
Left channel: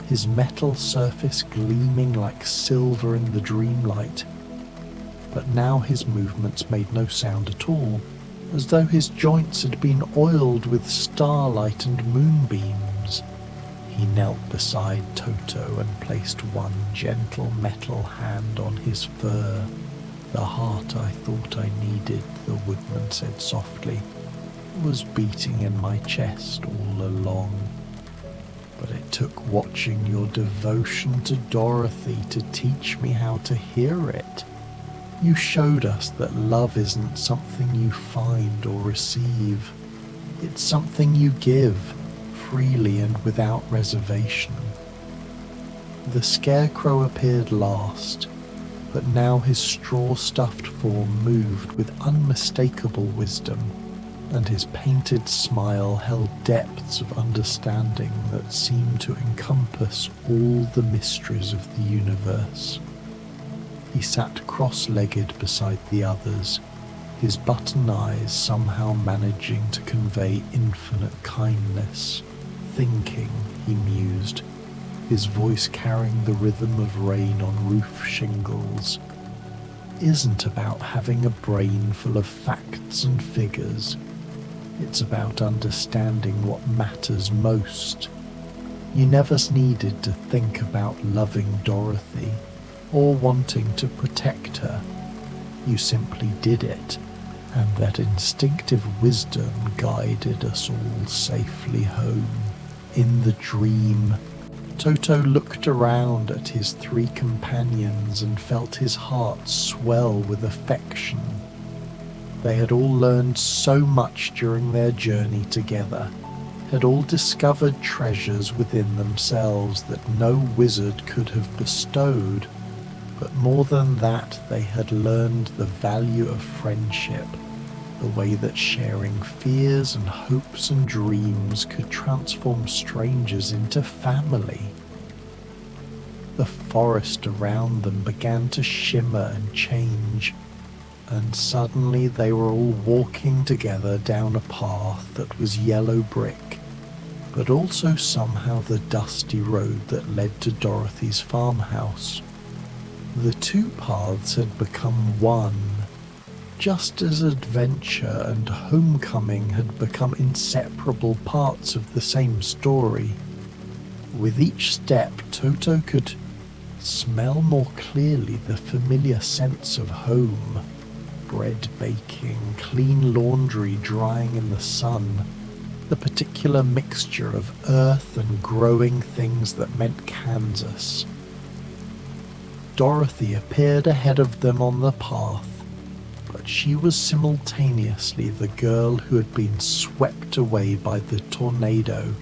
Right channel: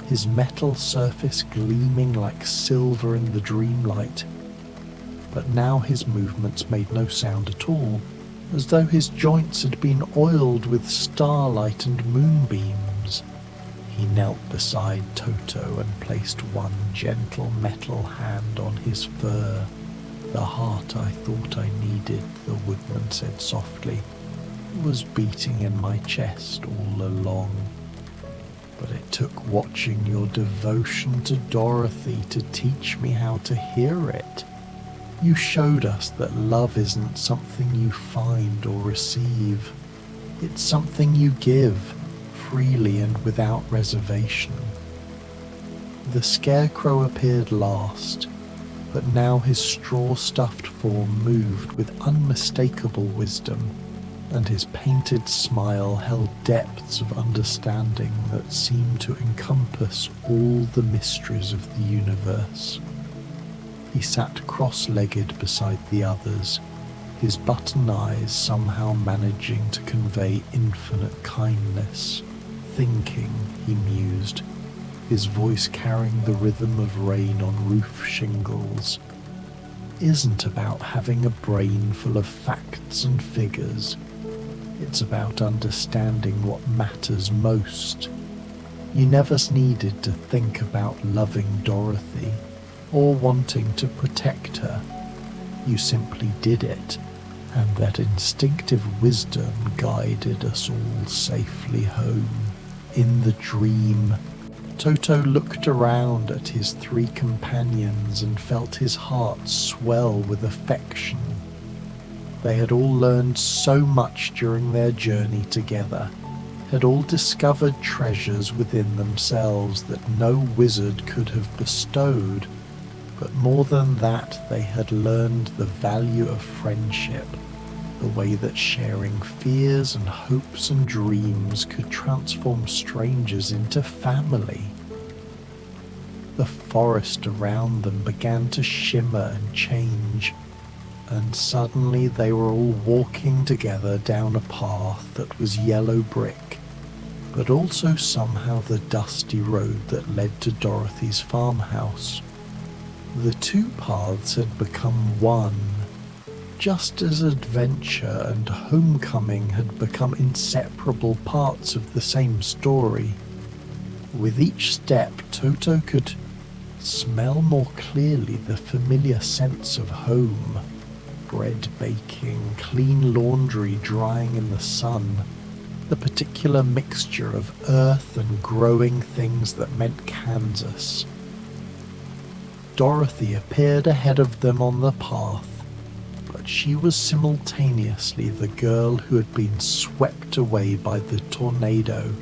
his metal surface gleaming like silver in the dream light. but now his movements made no sound at all, as though his joints had been oiled with starlight and moonbeams. He knelt beside Toto and placed one gentle metal hand on his fur. "The heart I thought I needed," the woodman said softly, "was beating in my chest all along. But it took watching your devotion to Dorothy to teach me how to hear it. You showed us that love isn't something you find or receive. It's something you give, freely and without reservation." The scarecrow appeared last, but now his straw-stuffed form moved with unmistakable wisdom, and his painted smile held depths of understanding that seemed to encompass all the mysteries of the universe. He sat cross-legged beside the others, his button eyes somehow managing to convey infinite kindness. "Thinking," he mused, his voice carrying the rhythm of rain on roof shingles, "isn't about having a brain full of facts and figures. It's about understanding what matters most. You never needed to think about loving Dorothy or wanting to protect her. You simply did it, and that instinctive wisdom guided us all safely home. In the dream." Toto looked around at his three companions and felt his heart swell with affection. They had all learned so much during their journey together, had all discovered treasures within themselves that no wizard could have bestowed, but more than that, they had learned the value of friendship, the way that sharing fears and hopes and dreams could transform strangers into family. The forest around them began to shimmer and change, and suddenly they were all walking together down a path that was yellow brick, but also somehow the dusty road that led to Dorothy's farmhouse. The two paths had become one, just as adventure and homecoming had become inseparable parts of the same story. With each step, Toto could smell more clearly the familiar sense of home. Bread baking, clean laundry drying in the sun, the particular mixture of earth and growing things that meant Kansas. Dorothy appeared ahead of them on the path, but she was simultaneously the girl who had been swept away by the tornado,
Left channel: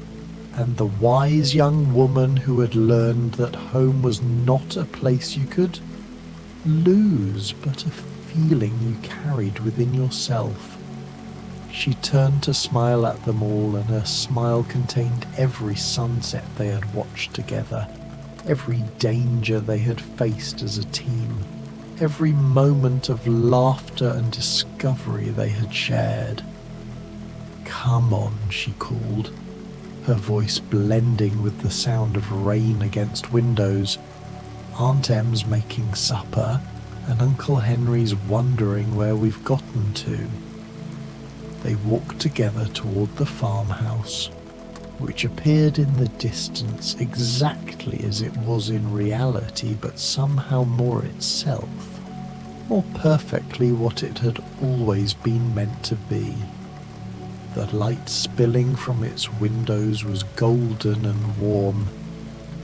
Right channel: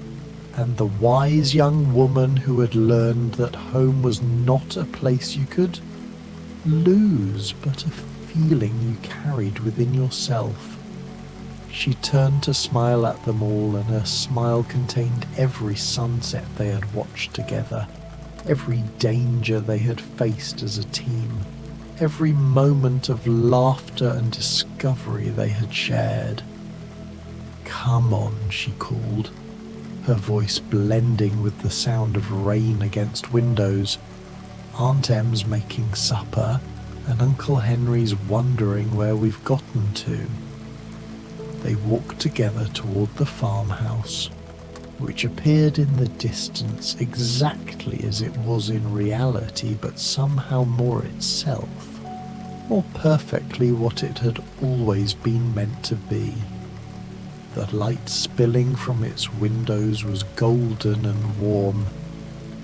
and the wise young woman who had learned that home was not a place you could lose, but a feeling you carried within yourself. She turned to smile at them all, and her smile contained every sunset they had watched together, every danger they had faced as a team, every moment of laughter and discovery they had shared. "Come on," she called, her voice blending with the sound of rain against windows. "Aunt Em's making supper, and Uncle Henry's wondering where we've gotten to." They walked together toward the farmhouse, which appeared in the distance exactly as it was in reality, but somehow more itself, more perfectly what it had always been meant to be. The light spilling from its windows was golden and warm,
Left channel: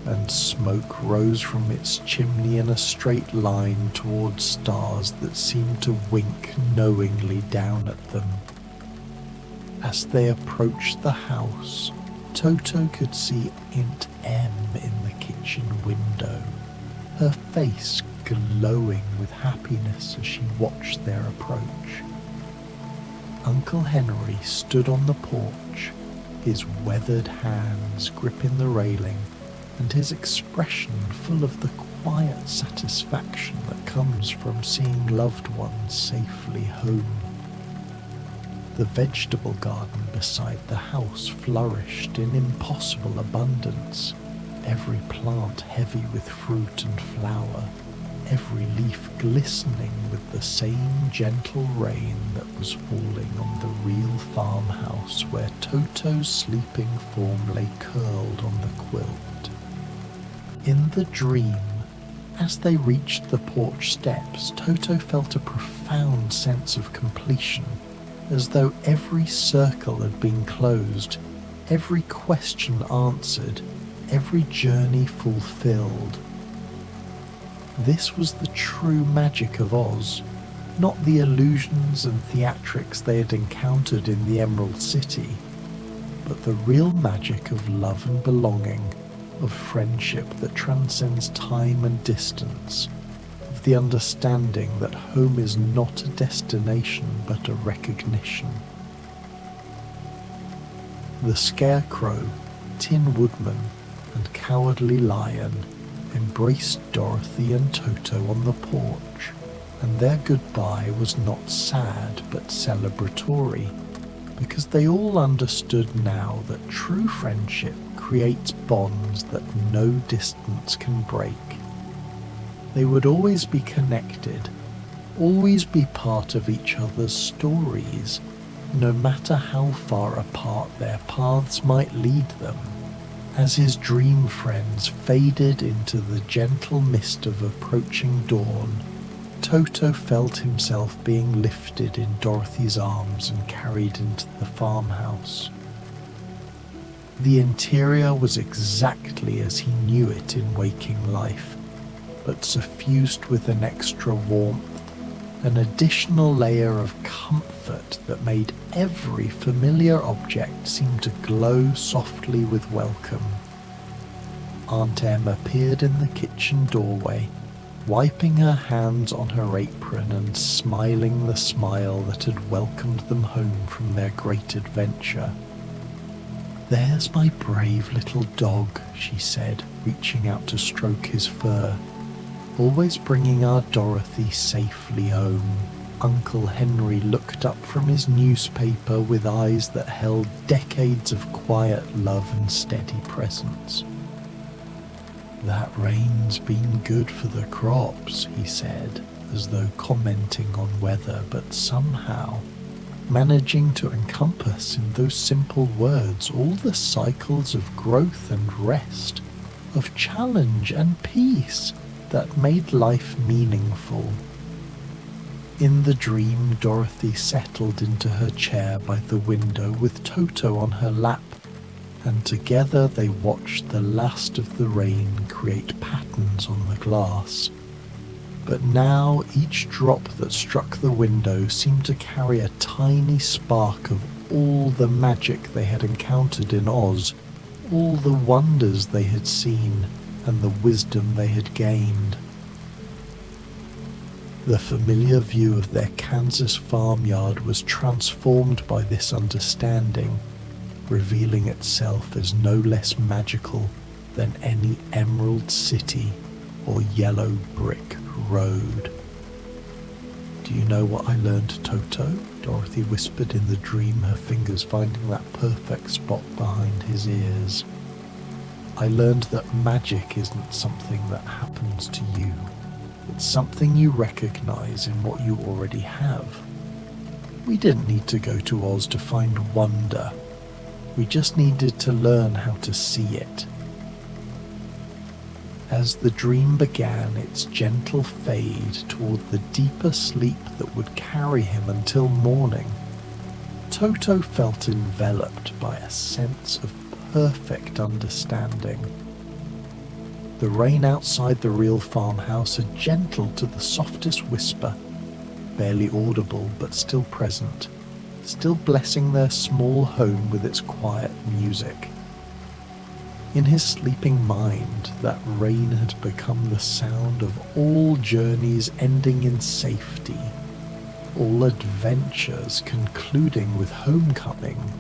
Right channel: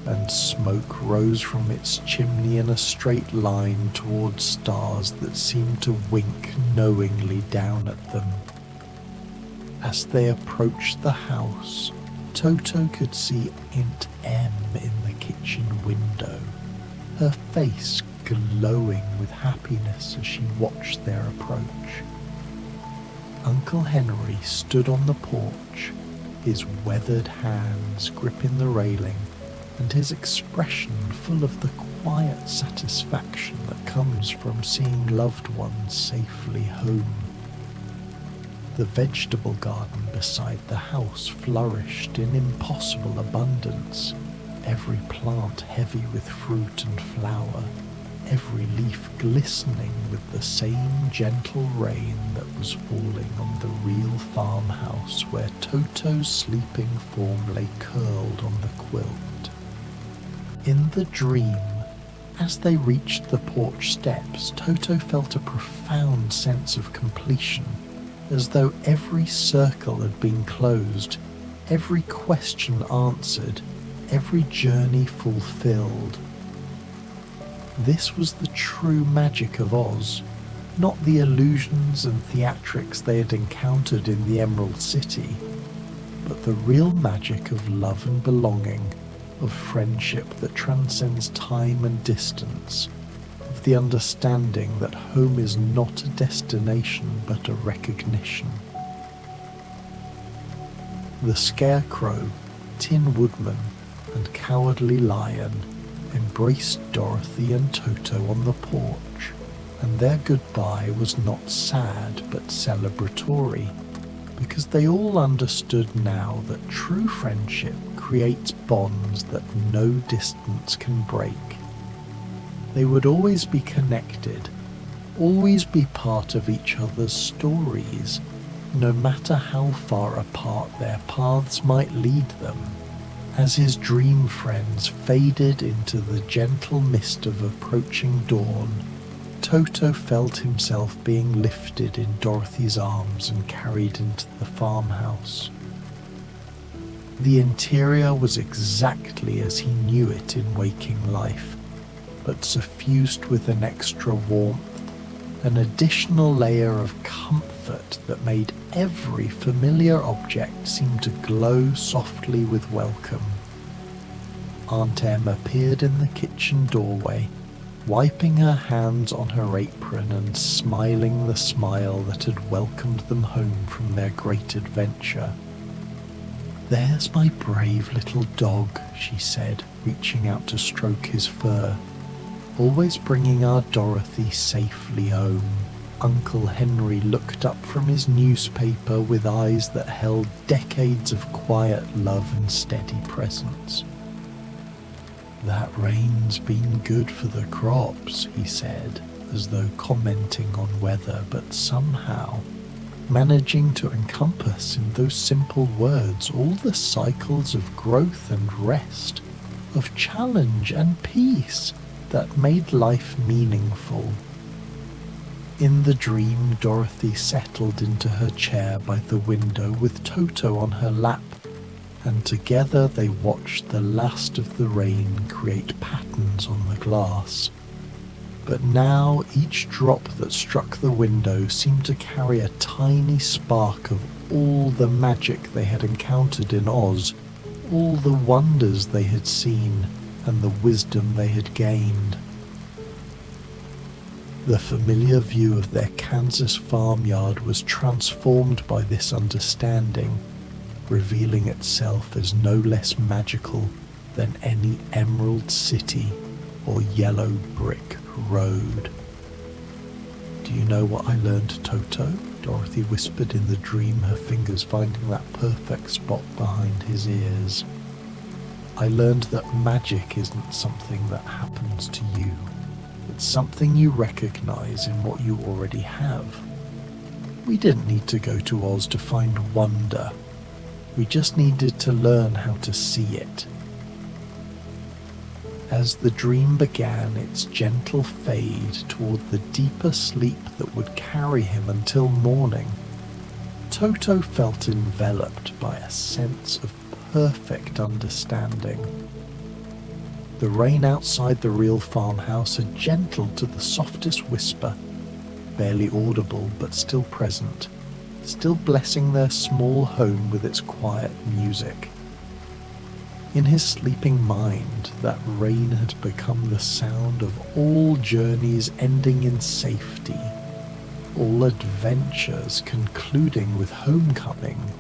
and smoke rose from its chimney in a straight line towards stars that seemed to wink knowingly down at them. As they approached the house, Toto could see Aunt Em in the kitchen window, her face glowing with happiness as she watched their approach. Uncle Henry stood on the porch, his weathered hands gripping the railing, and his expression full of the quiet satisfaction that comes from seeing loved ones safely home. The vegetable garden beside the house flourished in impossible abundance, every plant heavy with fruit and flower. every leaf glistening with the same gentle rain that was falling on the real farmhouse where Toto's sleeping form lay curled on the quilt. In the dream, as they reached the porch steps, Toto felt a profound sense of completion, as though every circle had been closed, every question answered, every journey fulfilled. This was the true magic of Oz, not the illusions and theatrics they had encountered in the Emerald City, but the real magic of love and belonging, of friendship that transcends time and distance, of the understanding that home is not a destination but a recognition. The Scarecrow, Tin Woodman, and Cowardly Lion embraced Dorothy and Toto on the porch, and their goodbye was not sad but celebratory, because they all understood now that true friendship creates bonds that no distance can break. They would always be connected, always be part of each other's stories, no matter how far apart their paths might lead them. As his dream friends faded into the gentle mist of approaching dawn, Toto felt himself being lifted in Dorothy's arms and carried into the farmhouse. The interior was exactly as he knew it in waking life, but suffused with an extra warmth, an additional layer of comfort that made every familiar object seem to glow softly with welcome. Aunt Em appeared in the kitchen doorway, wiping her hands on her apron and smiling the smile that had welcomed them home from their great adventure. "There's my brave little dog," she said, reaching out to stroke his fur. "Always bringing our Dorothy safely home." Uncle Henry looked up from his newspaper with eyes that held decades of quiet love and steady presence. "That rain's been good for the crops," he said, as though commenting on weather, but somehow managing to encompass in those simple words all the cycles of growth and rest, of challenge and peace that made life meaningful. In the dream, Dorothy settled into her chair by the window with Toto on her lap, and together they watched the last of the rain create patterns on the glass. But now each drop that struck the window seemed to carry a tiny spark of all the magic they had encountered in Oz, all the wonders they had seen, and the wisdom they had gained. The familiar view of their Kansas farmyard was transformed by this understanding, revealing itself as no less magical than any Emerald City or yellow brick road. "Do you know what I learned, Toto?" Dorothy whispered in the dream, her fingers finding that perfect spot behind his ears. "I learned that magic isn't something that happens to you. It's something you recognize in what you already have. We didn't need to go to Oz to find wonder. We just needed to learn how to see it." As the dream began its gentle fade toward the deeper sleep that would carry him until morning, Toto felt enveloped by a sense of perfect understanding. The rain outside the real farmhouse had gentled to the softest whisper, barely audible but still present, still blessing their small home with its quiet music. In his sleeping mind, that rain had become the sound of all journeys ending in safety, all adventures concluding with homecoming,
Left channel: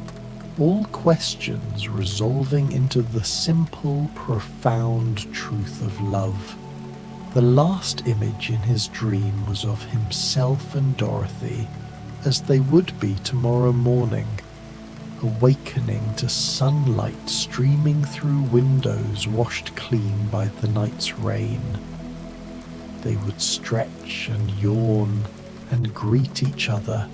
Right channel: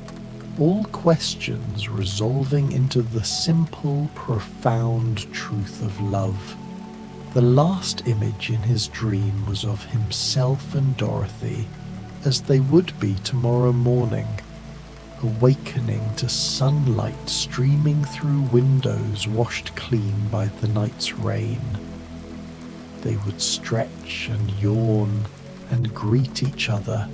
all questions resolving into the simple, profound truth of love. The last image in his dream was of himself and Dorothy, as they would be tomorrow morning, awakening to sunlight streaming through windows washed clean by the night's rain. They would stretch and yawn and greet each other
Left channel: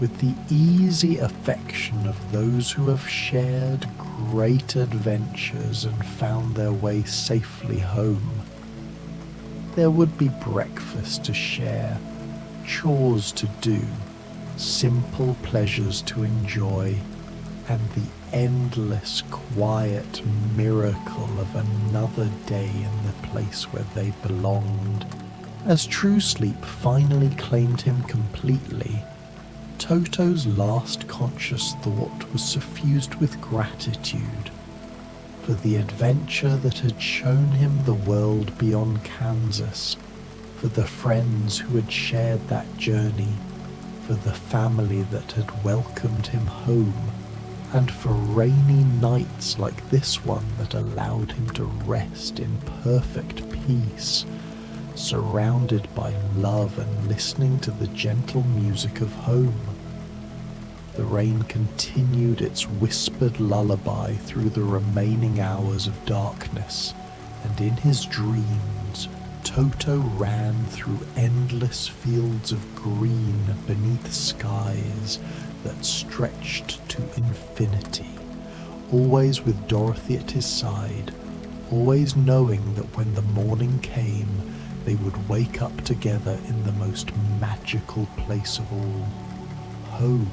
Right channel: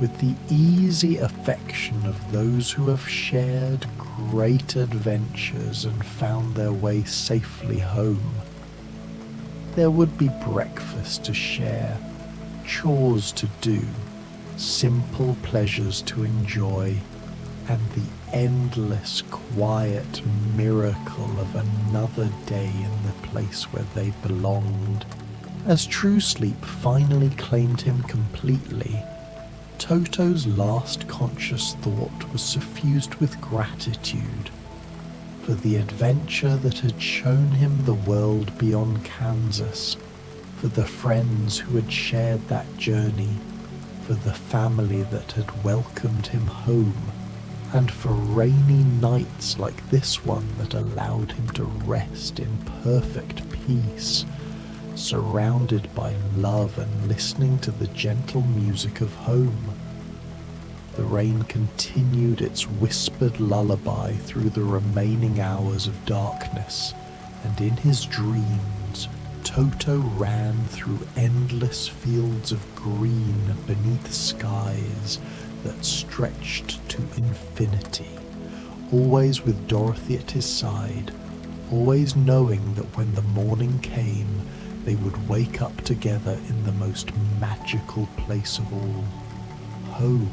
with the easy affection of those who have shared great adventures and found their way safely home. There would be breakfast to share, chores to do, simple pleasures to enjoy, and the endless quiet miracle of another day in the place where they belonged. As true sleep finally claimed him completely, Toto's last conscious thought was suffused with gratitude for the adventure that had shown him the world beyond Kansas, for the friends who had shared that journey, for the family that had welcomed him home, and for rainy nights like this one that allowed him to rest in perfect peace, surrounded by love and listening to the gentle music of home. The rain continued its whispered lullaby through the remaining hours of darkness, and in his dreams, Toto ran through endless fields of green beneath skies that stretched to infinity, always with Dorothy at his side, always knowing that when the morning came, they would wake up together in the most magical place of all, home.